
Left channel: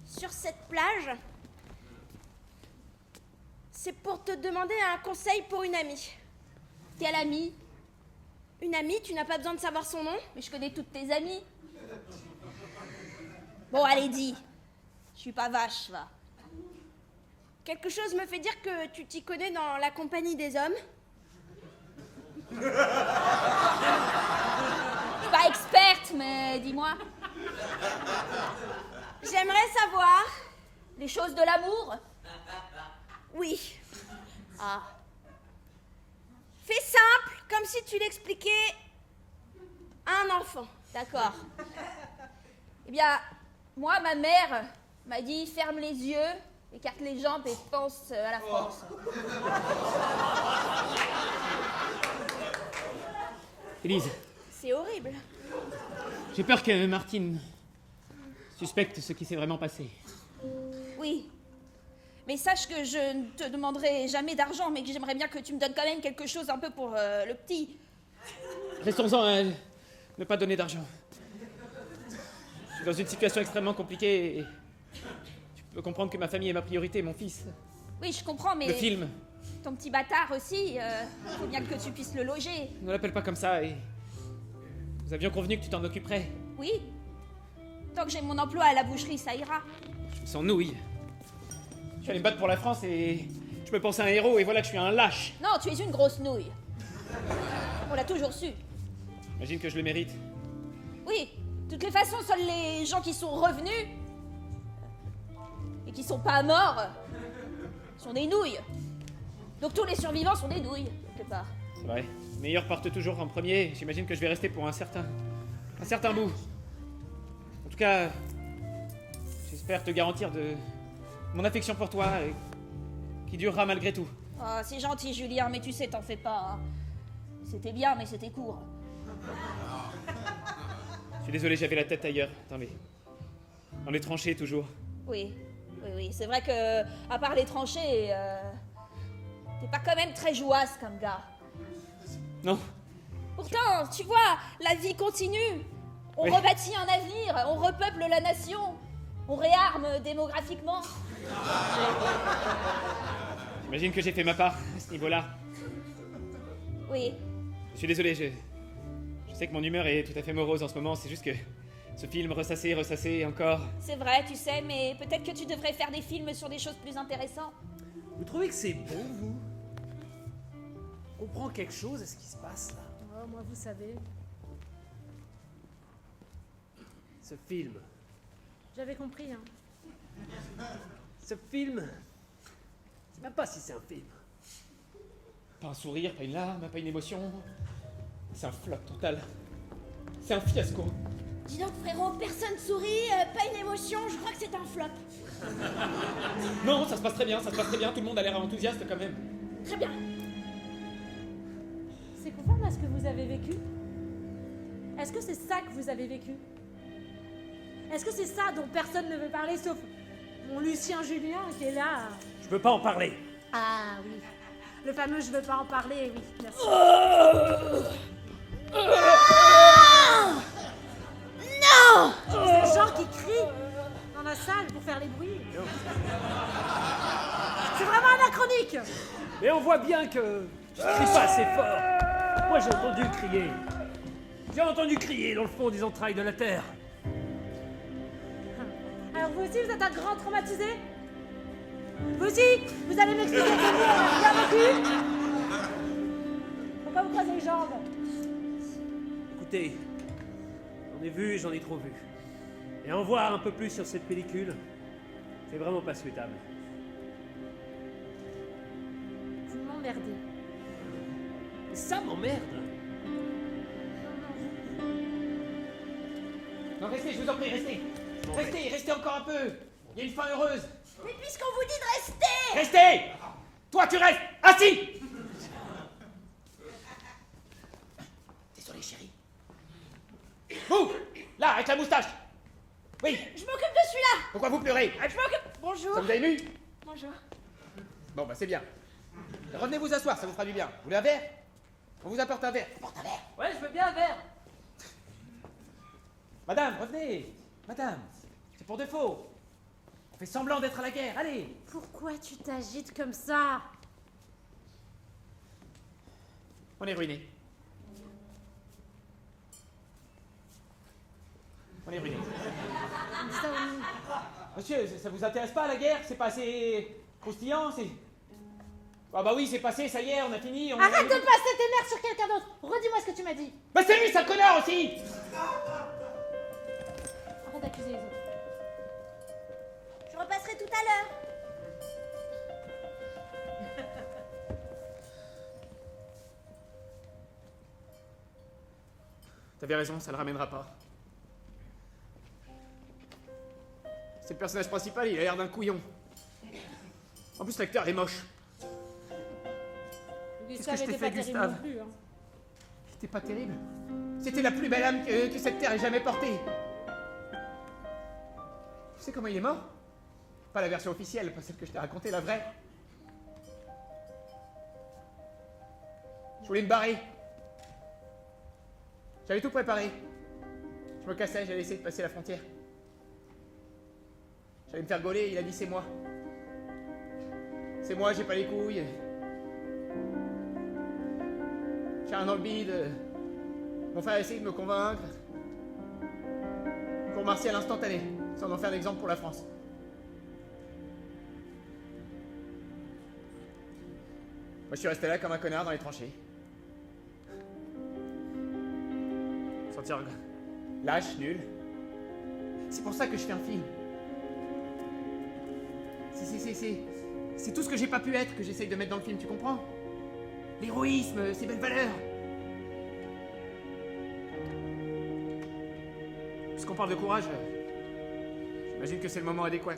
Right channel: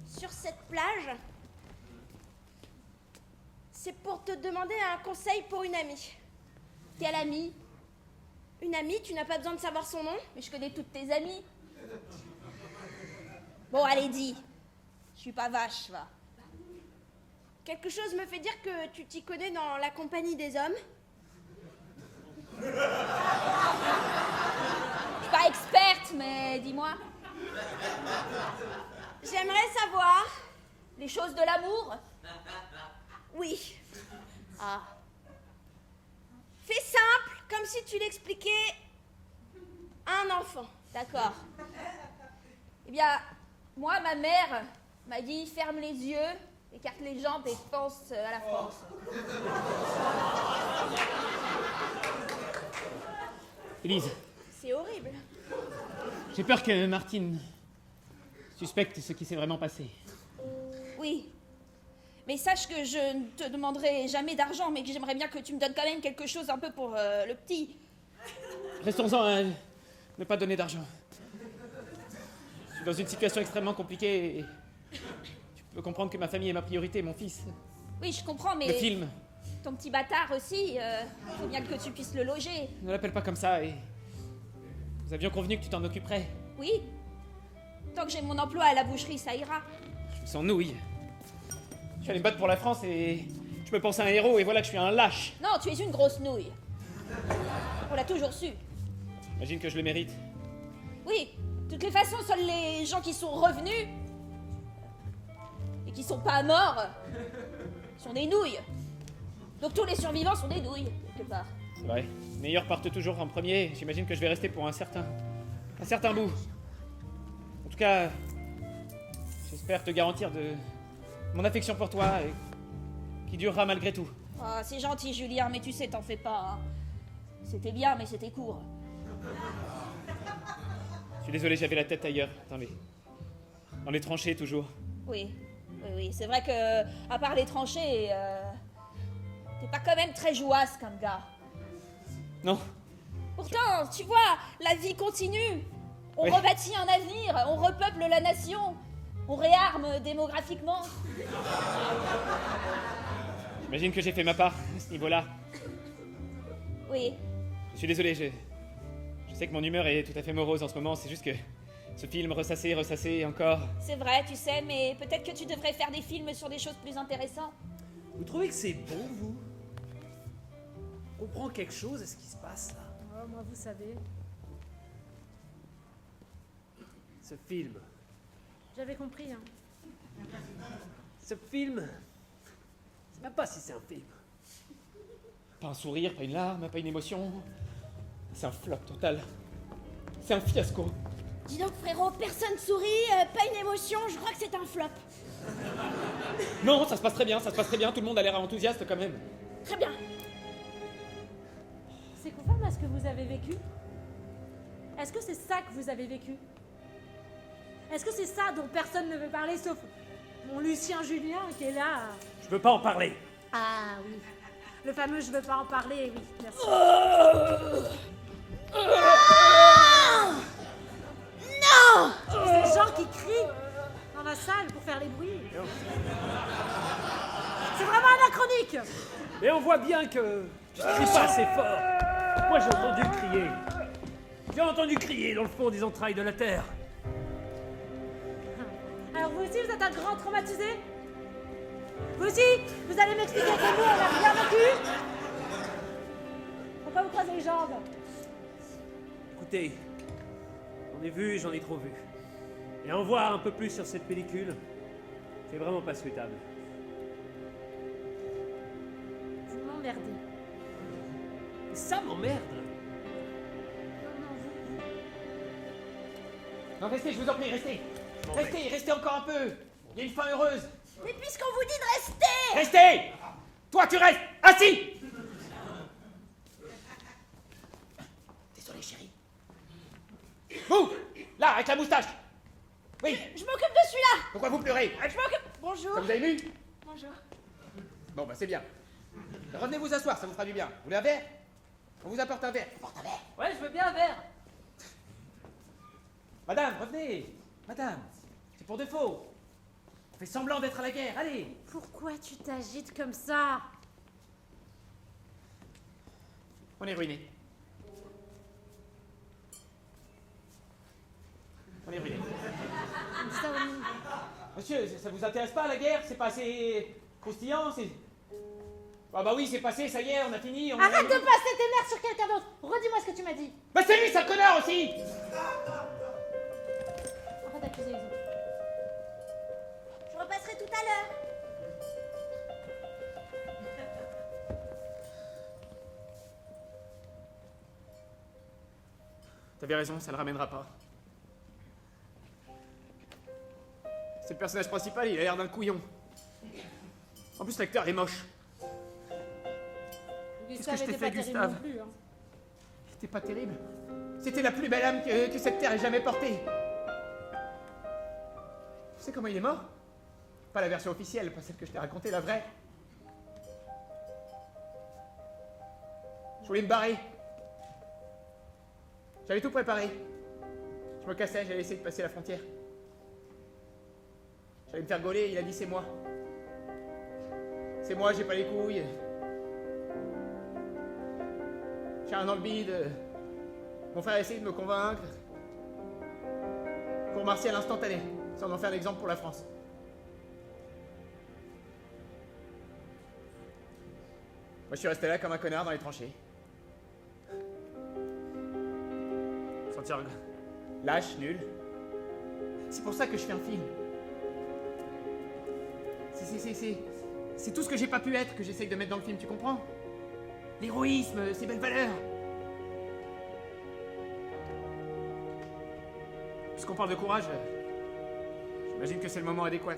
sur cette plage, c'est pour te demander un conseil pour une amie. Quelle amie? Une amie, tu n'as pas besoin de savoir son nom? Mais je connais toutes tes amies. Bon, allez, dis. Je suis pas vache, va. Quelque chose me fait dire que tu t'y connais dans la compagnie des hommes. Je suis pas experte, mais dis-moi. J'aimerais savoir... Les choses de l'amour? Oui. Ah. Fais simple, comme si tu l'expliquais à un enfant. D'accord. Eh bien, moi, ma mère m'a dit ferme les yeux, écarte les jambes et pense à la France. Élise, C'est horrible. j'ai peur que Martine suspecte ce qui s'est vraiment passé. Oui. Mais sache que je ne te demanderai jamais d'argent, mais que j'aimerais bien que tu me donnes quand même quelque chose un peu pour le petit. Restons-en à ne pas donner d'argent. Je suis dans une situation extrêmement compliquée et tu peux comprendre que ma famille est ma priorité, mon fils. Oui, je comprends, mais... Le film, Ton petit bâtard aussi, faut bien que tu puisses le loger. ne l'appelle pas comme ça et... Nous avions convenu que tu t'en occuperais. Oui. Tant que j'ai mon emploi à la boucherie, ça ira. Je me sens nouille. J'allais me battre pour la France et je me pense à un héros et voilà que je suis un lâche. Non, tu es une grosse nouille. On l'a toujours su. Imagine que je le mérite. Oui, de toutes les façons, seuls les gens qui sont revenus et qui sont pas morts sont des nouilles. Donc tous les survivants sont des nouilles, quelque part. C'est vrai. Les meilleurs partent toujours en premier. J'imagine que je vais rester pour un certain bout. En tout cas, j'espère te garantir de mon affection pour toi et qui durera malgré tout. Oh, c'est gentil, Julien, mais tu sais, t'en fais pas. Hein. C'était bien, mais c'était court. Je suis désolé, j'avais la tête ailleurs. Dans les tranchées toujours. Oui, c'est vrai que, à part les tranchées, t'es pas quand même très jouasse comme gars. Non, Pourtant, tu vois, la vie continue. On Oui. rebâtit un avenir, on repeuple la nation, on réarme démographiquement. j'imagine que j'ai fait ma part à ce niveau-là. Oui, Je suis désolé, je sais que mon humeur est tout à fait morose en ce moment, c'est juste que ce film ressassé encore. c'est vrai, tu sais, mais peut-être que tu devrais faire des films sur des choses plus intéressantes. Vous trouvez que c'est bon, vous? On comprend quelque chose à ce qui se passe là? Oh, moi, vous savez, Ce film. j'avais compris, hein. Ce film. Je sais même pas si c'est un film. Pas un sourire, pas une larme, pas une émotion. C'est un flop total. C'est un fiasco. Dis donc, frérot, personne sourit, pas une émotion, je crois que c'est un flop. Non, ça se passe très bien, tout le monde a l'air enthousiaste quand même. Très bien. C'est conforme à ce que vous avez vécu? Est-ce que c'est ça que vous avez vécu? Est-ce que c'est ça dont personne ne veut parler sauf mon Lucien Julien qui est là? Je veux pas en parler. Ah oui, le fameux je veux pas en parler, oui, merci. Non! Ces gens qui crient dans la salle pour faire les bruits. C'est vraiment anachronique. Mais on voit bien que tu ne cries pas assez fort. Moi, j'ai entendu crier. J'ai entendu crier dans le fond des entrailles de la terre. Alors vous aussi, vous êtes un grand traumatisé? Vous aussi, vous allez m'expliquer que nous, on a bien vécu? Pourquoi vous croisez les jambes? Écoutez, j'en ai vu et j'en ai trop vu. Et en voir un peu plus sur cette pellicule, c'est vraiment pas souhaitable. Vous m'emmerdez. Et ça m'emmerde. Non, vous. Non, restez, je vous en prie, restez. Bon, Restez encore un peu. Il y a une fin heureuse. Mais puisqu'on vous dit de rester! Restez. Toi, tu restes. Assis. Désolé, chérie. Vous, là, avec la moustache. Oui, Je m'occupe de celui-là! pourquoi vous pleurez? Je m'occupe. Bonjour. Ça vous a ému? Bonjour. Bon, bah c'est bien. Revenez vous asseoir, ça vous fera du bien. Vous voulez un verre? On vous apporte un verre. Porte un verre. Ouais, je veux bien un verre. Madame, revenez. Madame, c'est pour défaut. On fait semblant d'être à la guerre, allez. Pourquoi tu t'agites comme ça? On est ruinés. On est ruinés. Monsieur, ça vous intéresse pas la guerre? C'est pas assez croustillant, c'est... Ah bah oui, c'est passé, ça y est, on a fini. Arrête de passer tes nerfs sur quelqu'un d'autre. Redis-moi ce que tu m'as dit. Bah c'est lui, sale connard aussi. Arrête d'accuser les autres. Je repasserai tout à l'heure. T'avais raison, ça le ramènera pas. C'est le personnage principal, il a l'air d'un couillon. En plus, l'acteur est moche. Gustave que je t'ai était pas fait, terrible Gustave non plus. Hein. C'était pas terrible. C'était la plus belle âme que cette terre ait jamais portée. Tu sais comment il est mort? Pas la version officielle, pas celle que je t'ai racontée, la vraie. Je voulais me barrer. J'avais tout préparé. Je me cassais, j'allais essayer de passer la frontière. J'allais me faire gauler, il a dit c'est moi. C'est moi, j'ai pas les couilles. J'ai un dans le bide. Mon frère a essayé de me convaincre. Pour Martial instantané, sans en faire l'exemple pour la France. Moi je suis resté là comme un connard dans les tranchées. Sentir lâche, nul. C'est pour ça que je fais un film. C'est tout ce que j'ai pas pu être que j'essaye de mettre dans le film, tu comprends? L'héroïsme, ces belles valeurs. Puisqu'on parle de courage, j'imagine que c'est le moment adéquat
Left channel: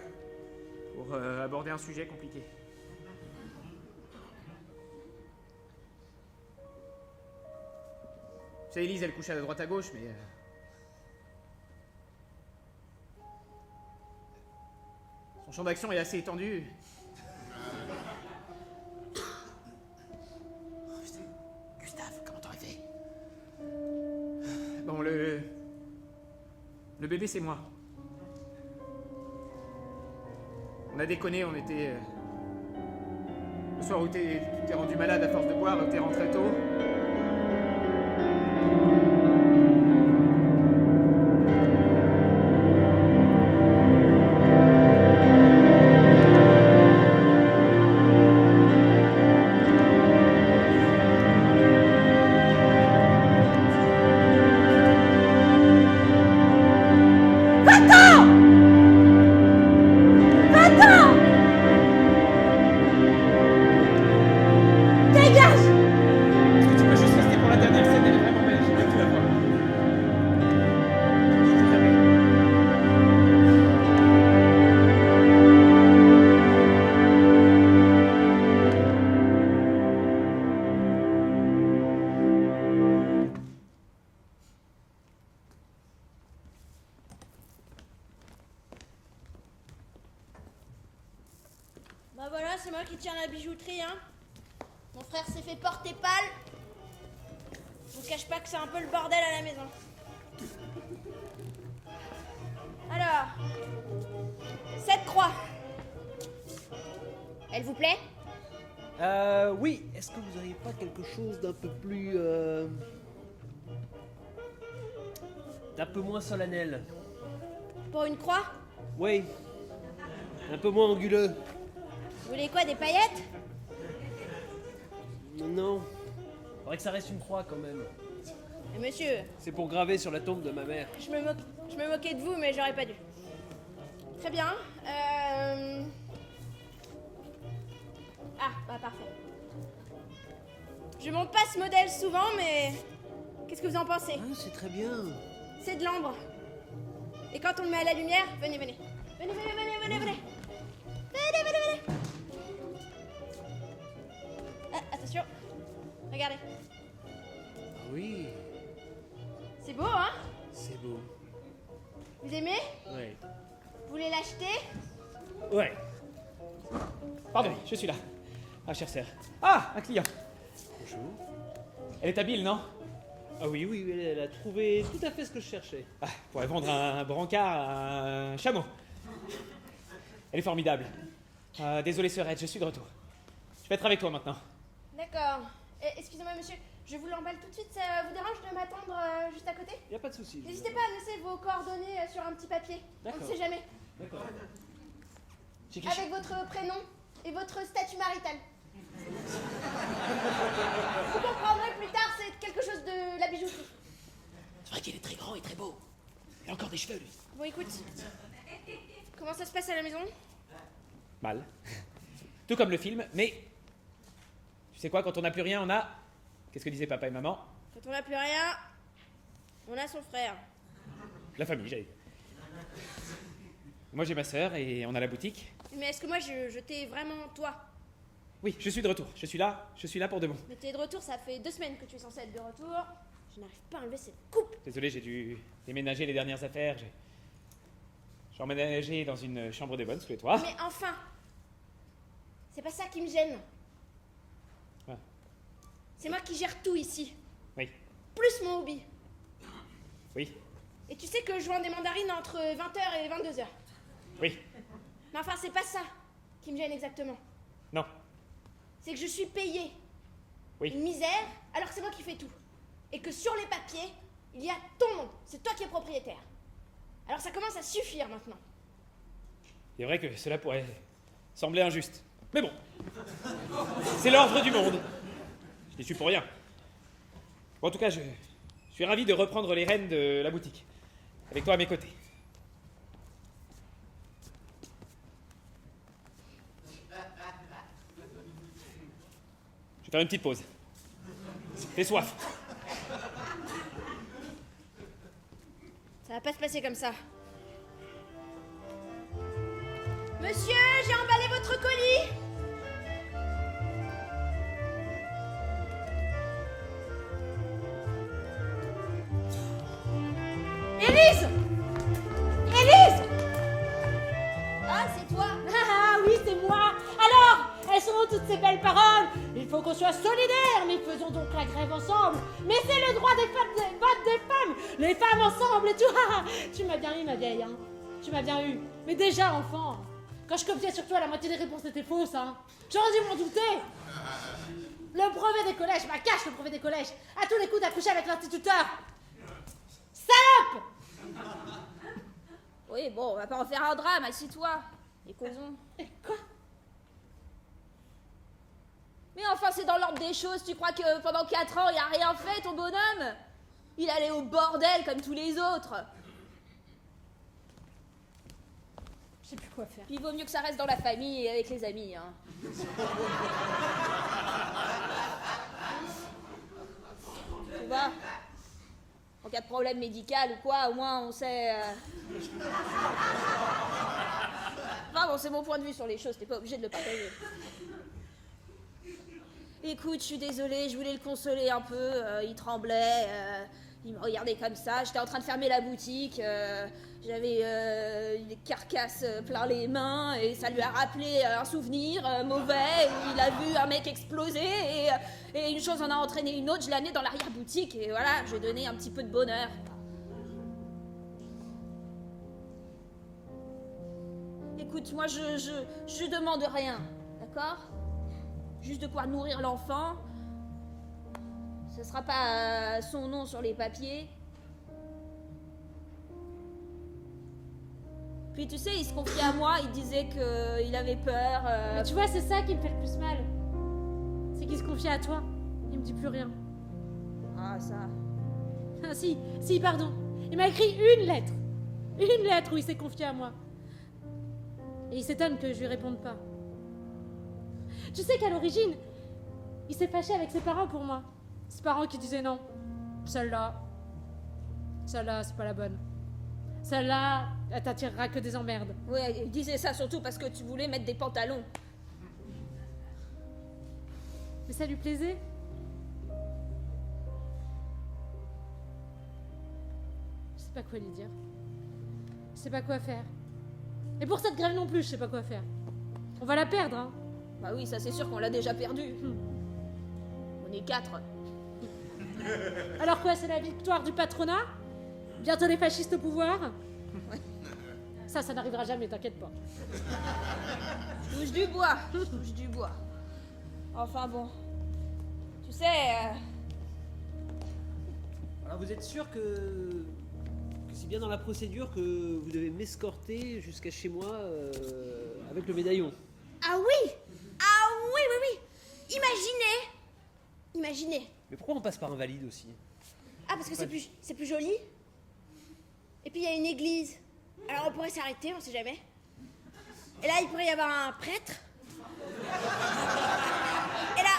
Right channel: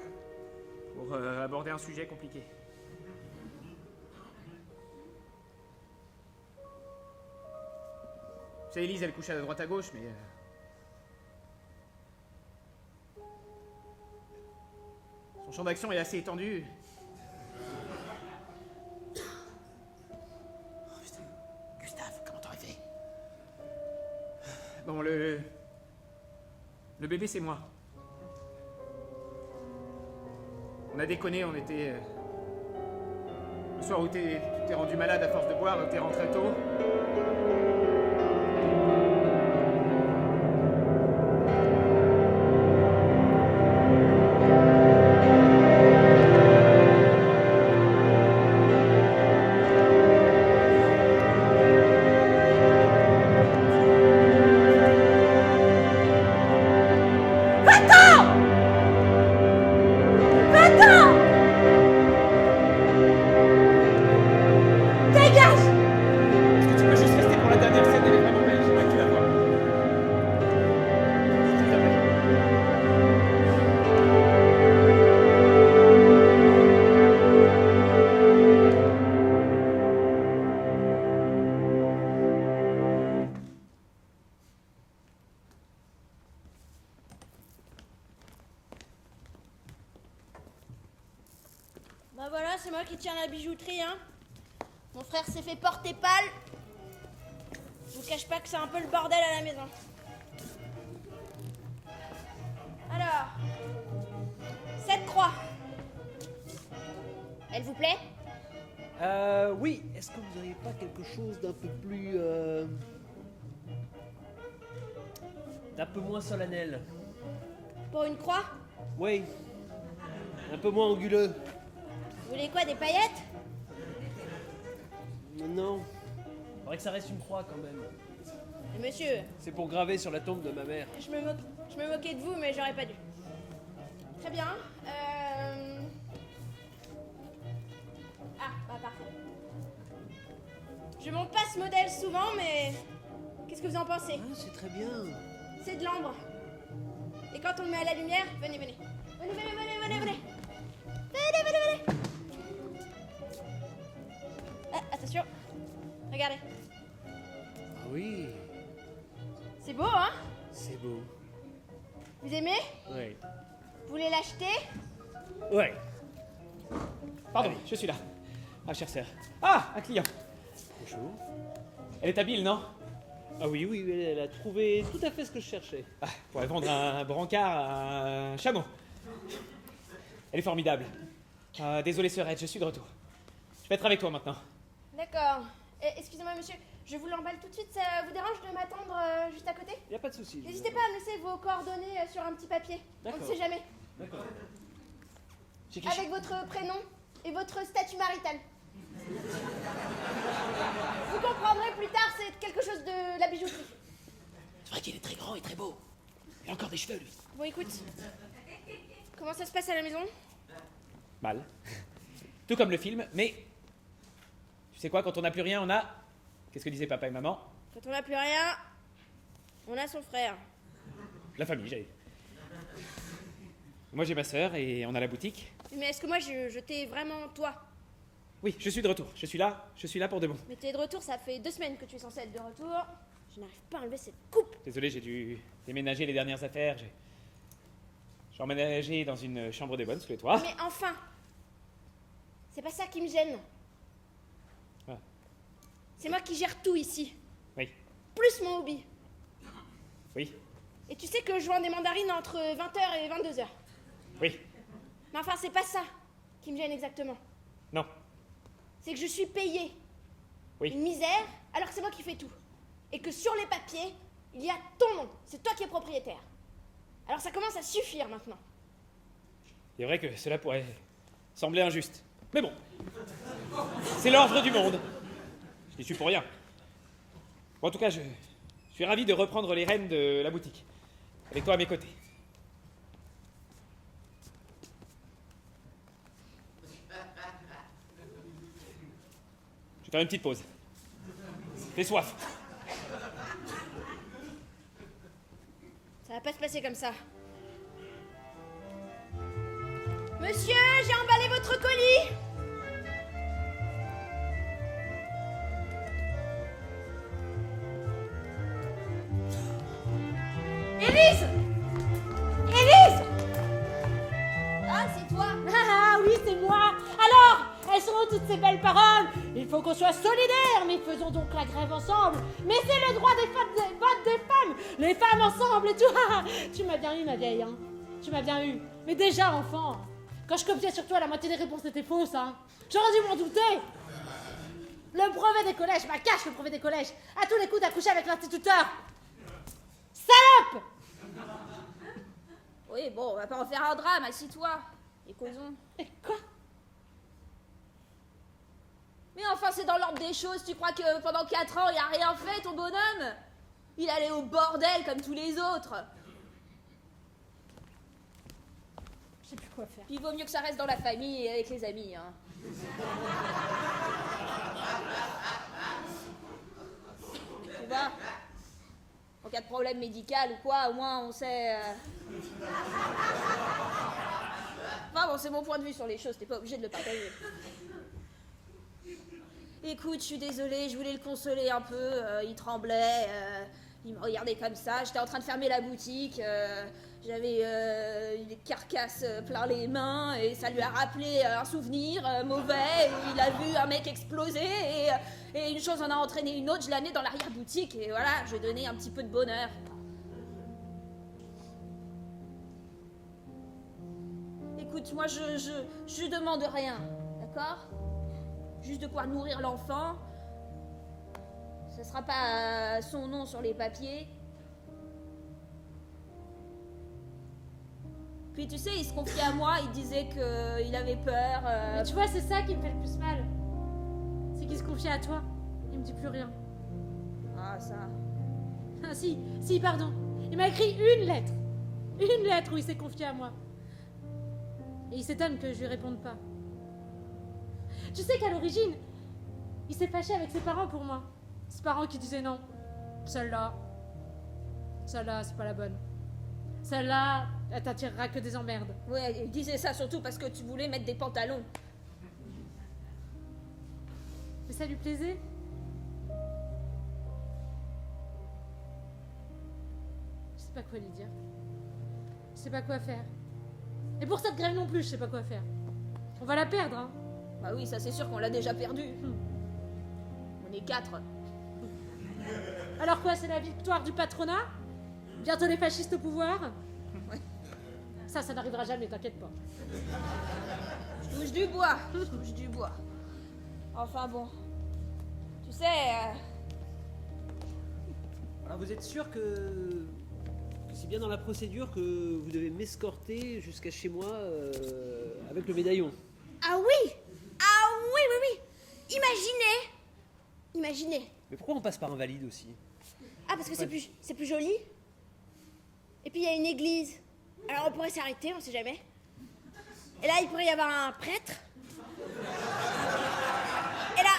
pour aborder un sujet compliqué. Tu sais, Élise, elle couche à droite à gauche, mais... son champ d'action est assez étendu. Gustave, comment t'aurais fait? Bon, le bébé, c'est moi. On a déconné, on était... le soir où t'es rendu malade à force de boire, t'es rentré tôt. Bah voilà, c'est moi qui tiens la bijouterie, hein. Mon frère s'est fait porter pâle. Je vous cache pas que c'est un peu le bordel à la maison. Alors, cette croix. Elle vous plaît? Oui, est-ce que vous n'auriez pas quelque chose d'un peu plus... d'un peu moins solennel? Pour une croix? Oui, un peu moins anguleux. Vous voulez quoi, des paillettes? Non. Faudrait que ça reste une croix quand même. Monsieur, C'est pour graver sur la tombe de ma mère. je me moquais de vous, mais j'aurais pas dû. Très bien. Ah, bah parfait. Je monte pas ce modèle souvent, mais qu'est-ce que vous en pensez? C'est très bien. C'est de l'ambre. Et quand on le met à la lumière, venez, venez. Venez, venez, venez, venez, venez. Venez, venez, venez. Ah, attention. Regardez. Oui, C'est beau, hein? c'est beau. Vous aimez? Ouais. Vous voulez l'acheter? Ouais. Pardon, je suis là. Ah, chère sœur. Ah, un client. Bonjour. Elle est habile, non? Ah oui, oui, oui, elle a trouvé tout à fait ce que je cherchais. Ah, pourrait vendre un brancard à un chameau. Elle est formidable. Désolé, sœurette, je suis de retour. Je vais être avec toi maintenant. D'accord. Excusez-moi, monsieur. Je vous l'emballe tout de suite. Ça vous dérange de m'attendre juste à côté? Y a pas de souci. je N'hésitez vous pas à me laisser vos coordonnées sur un petit papier. On ne D'accord. sait jamais. D'accord. J'ai quelque Avec votre prénom et votre statut marital. Vous comprendrez plus tard, c'est quelque chose de la bijouterie. C'est vrai qu'il est très grand et très beau. Il a encore des cheveux, lui. Bon, écoute. Comment ça se passe à la maison? mal. Tout comme le film, mais... Tu sais quoi, quand on n'a plus rien, on a... Qu'est-ce que disaient papa et maman? Quand on n'a plus rien, on a son frère. La famille, j'allais dire. Moi j'ai ma sœur et on a la boutique. Mais est-ce que moi, je t'ai vraiment toi? Oui, je suis de retour. Je suis là pour de bon. Mais t'es de retour, ça fait 2 semaines que tu es censé être de retour. Je n'arrive pas à enlever cette coupe. Désolé, j'ai dû déménager les dernières affaires. J'ai emménagé dans une chambre des bonnes sous les toits. Mais enfin, c'est pas ça qui me gêne. Ah. C'est moi qui gère tout ici. Oui, Plus mon hobby. oui, Et tu sais que je vends des mandarines entre 20h et 22h. oui. Mais enfin, c'est pas ça qui me gêne exactement. Non, C'est que je suis payée oui. une misère alors que c'est moi qui fais tout. Et que sur les papiers, il y a ton nom. C'est toi qui es propriétaire. Alors ça commence à suffire maintenant. C'est vrai que cela pourrait sembler injuste. Mais bon, c'est l'ordre du monde. Je n'y suis pour rien. Bon, en tout cas, je suis ravi de reprendre les rênes de la boutique. Avec toi à mes côtés. Je vais faire une petite pause. J'ai soif. Ça va pas se passer comme ça. Monsieur, j'ai emballé votre colis. Élise! Élise! Ah, c'est toi. Ah oui, c'est moi. Alors, elles sont où toutes ces belles paroles? Il faut qu'on soit solidaires, mais faisons donc la grève ensemble. Mais c'est le droit des femmes, des votes des femmes, les femmes ensemble et tout. Ah, tu m'as bien eu, ma vieille, hein. Tu m'as bien eu. Mais déjà, enfant, quand je copiais sur toi, la moitié des réponses étaient fausses, hein. J'aurais dû m'en douter. Le brevet des collèges, ma cache le brevet des collèges. À tous les coups d'accoucher avec l'instituteur. Salope! Oui, bon, on va pas en faire un drame, assis-toi. Et causons. Et quoi? Mais enfin, c'est dans l'ordre des choses. Tu crois que pendant 4 ans, il a rien fait, ton bonhomme? Il allait au bordel comme tous les autres. Je sais plus quoi faire. Puis il vaut mieux que ça reste dans la famille et avec les amis, hein. Tu vois? En cas de problème médical ou quoi, au moins on sait... Enfin bon, c'est mon point de vue sur les choses, t'es pas obligé de le partager. Écoute, je suis désolée, je voulais le consoler un peu, il tremblait, il me regardait comme ça, j'étais en train de fermer la boutique, j'avais des carcasses plein les mains et ça lui a rappelé un souvenir mauvais, il a vu un mec exploser et une chose en a entraîné une autre, je l'ai amené dans l'arrière-boutique et voilà, j'ai donné un petit peu de bonheur. Écoute, moi je demande rien, d'accord? Juste de pouvoir nourrir l'enfant. Ce sera pas son nom sur les papiers. Puis tu sais, il se confiait à moi, il disait qu'il avait peur. Mais tu vois, c'est ça qui me fait le plus mal. C'est qu'il se confie à toi. Il me dit plus rien. Ah, ça. Ah si, pardon. Il m'a écrit une lettre. Une lettre où il s'est confié à moi. Et il s'étonne que je lui réponde pas. Tu sais qu'à l'origine, il s'est fâché avec ses parents pour moi. Ses parents qui disaient non. Celle-là, c'est pas la bonne. Celle-là, elle t'attirera que des emmerdes. Ouais, il disait ça surtout parce que tu voulais mettre des pantalons. Et ça lui plaisait? Je sais pas quoi lui dire. Je sais pas quoi faire. Et pour cette grève non plus, je sais pas quoi faire. On va la perdre, hein. Bah oui, ça c'est sûr qu'on l'a déjà perdu. On est 4. Alors quoi, c'est la victoire du patronat? Bientôt les fascistes au pouvoir? Ouais. Ça n'arrivera jamais, t'inquiète pas. Touche du bois, touche du bois. Enfin bon. Tu sais, Alors vous êtes sûr que c'est bien dans la procédure que vous devez m'escorter jusqu'à chez moi avec le médaillon? Ah oui! Ah oui, oui, oui! Imaginez! Mais pourquoi on passe par Invalide aussi? Ah, parce que c'est plus joli. Et puis il y a une église. Alors on pourrait s'arrêter, on sait jamais. Et là, il pourrait y avoir un prêtre. Et là,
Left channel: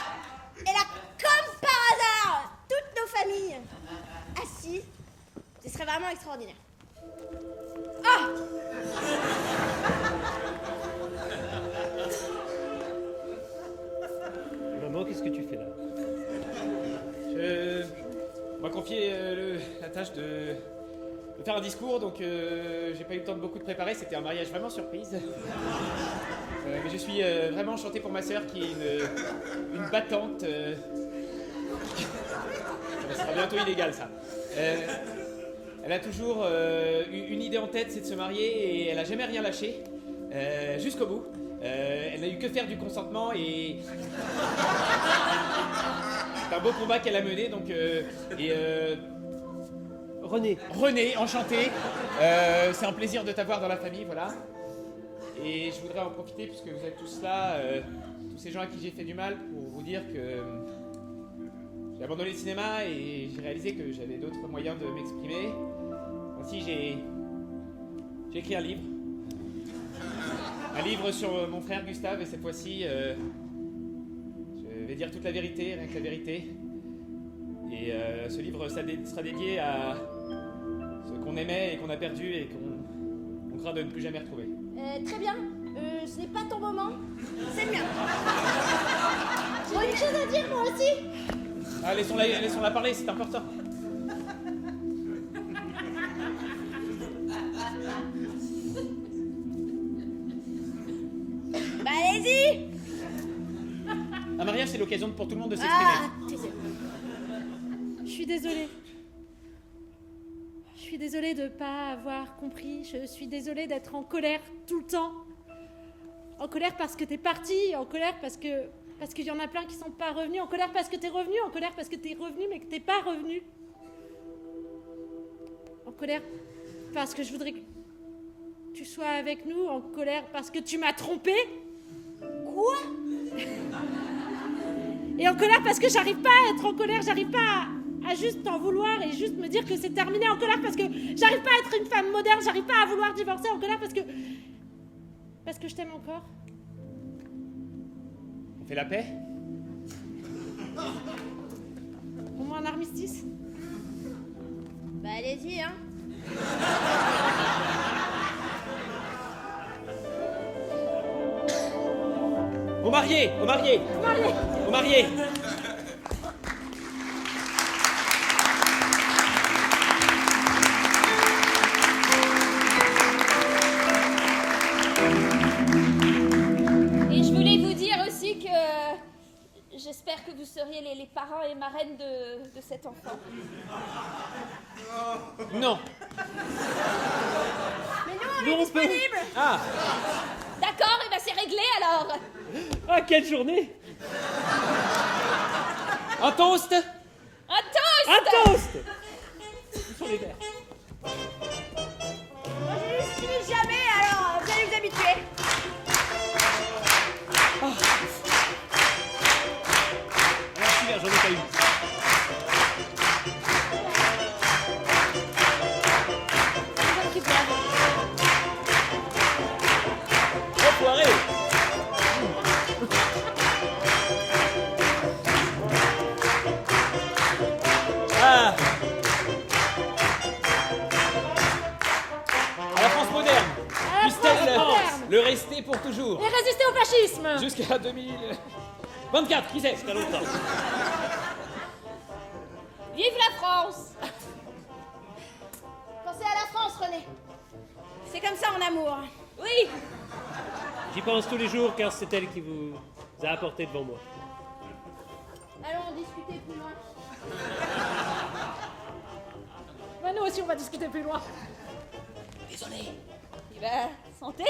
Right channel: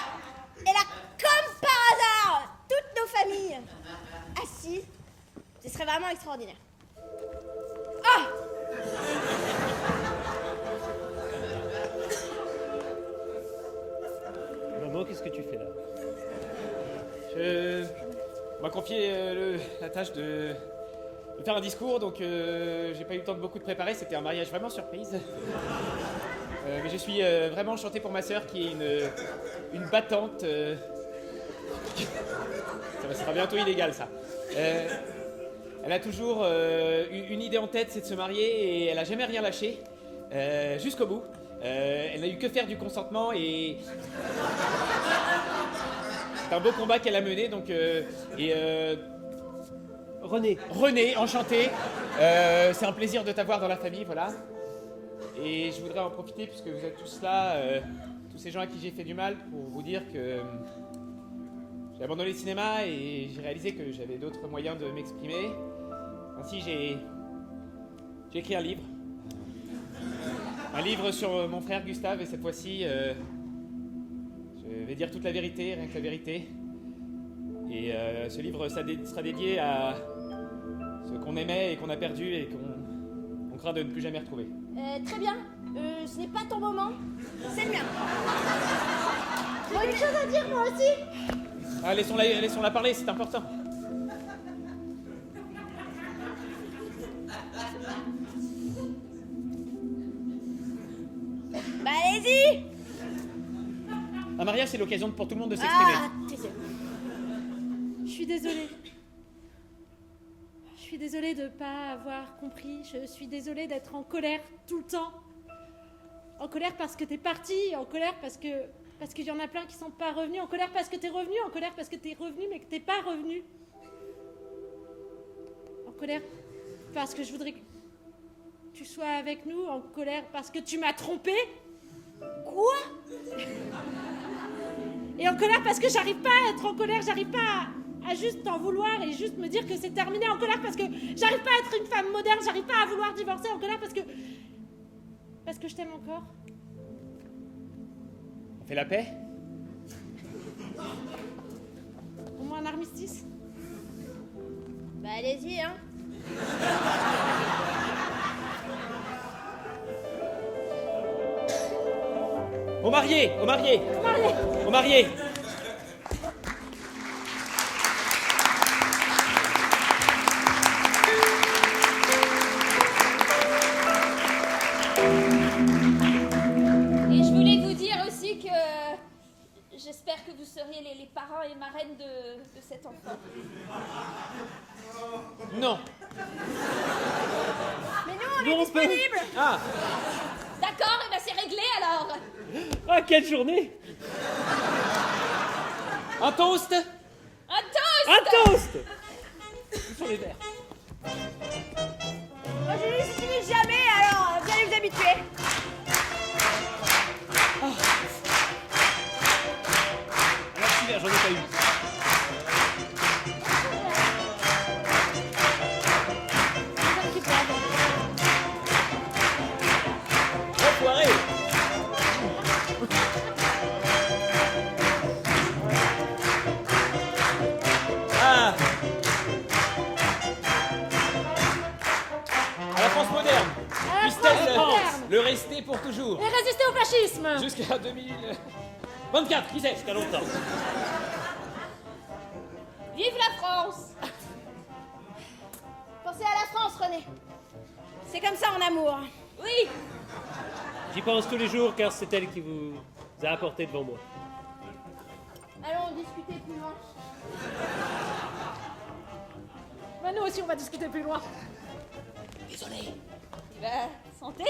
comme par hasard, toutes nos familles assises. Ce serait vraiment extraordinaire. Ah! Maman, qu'est-ce que tu fais là? On m'a confié la tâche de faire un discours, donc j'ai pas eu le temps de beaucoup de préparer. C'était un mariage vraiment surprise. Mais je suis vraiment enchanté pour ma sœur qui est une battante. Ça sera bientôt illégal, ça. Elle a toujours une idée en tête, c'est de se marier, et elle a jamais rien lâché jusqu'au bout. Elle n'a eu que faire du consentement et c'est un beau combat qu'elle a mené. Donc René, enchanté. C'est un plaisir de t'avoir dans la famille, voilà. Et je voudrais en profiter puisque vous êtes tous là, tous ces gens à qui j'ai fait du mal, pour vous dire que j'ai abandonné le cinéma et j'ai réalisé que j'avais d'autres moyens de m'exprimer. Ainsi, j'ai écrit un livre. Un livre sur mon frère Gustave, et cette fois-ci, je vais dire toute la vérité, rien que la vérité. Et ce livre sera dédié à ce qu'on aimait et qu'on a perdu et qu'on craint de ne plus jamais retrouver. Très bien. Ce n'est pas ton moment. C'est bien. J'ai une chose à dire, moi aussi. Ah, laissons-la parler, c'est important. Bah allez-y. Un mariage, c'est l'occasion pour tout le monde de s'exprimer. Ah, désolé. Je suis désolée. Je suis désolée de ne pas avoir compris. Je suis désolée d'être en colère tout le temps. En colère parce que t'es parti. En colère parce qu'il y en a plein qui sont pas revenus. En colère parce que t'es revenu. En colère parce que t'es revenu mais que t'es pas revenu. En colère parce que je voudrais que tu sois avec nous. En colère parce que tu m'as trompé. Quoi? Et en colère parce que j'arrive pas à être en colère. J'arrive pas à juste t'en vouloir et juste me dire que c'est terminé. En colère parce que j'arrive pas à être une femme moderne. J'arrive pas à vouloir divorcer. En colère parce que je t'aime encore. On fait la paix? Au moins un armistice. Bah allez-y, hein. Au marié! Au marié. Au marié! Et je voulais vous dire aussi que j'espère que vous seriez les parents et marraines de cet enfant. Non! Mais non, Non, on peut. Ah! D'accord, et ben c'est réglé alors. Ah, quelle journée! Un toast! Un toast. Un toast! Où sont les verres? moi je n'utilise jamais alors. Yougoslave. Enfoiré. Ah. À la France moderne. À la France Christelle, moderne. le rester pour toujours. Et résister au fascisme. Jusqu'à 2024, qui sait, jusqu'à longtemps. Vive la France! Pensez à la France, René. C'est comme ça en amour. Oui, J'y pense tous les jours car c'est elle qui vous a apporté devant moi. Allons discuter plus loin. Bah, nous aussi, on va discuter plus loin. bah, santé.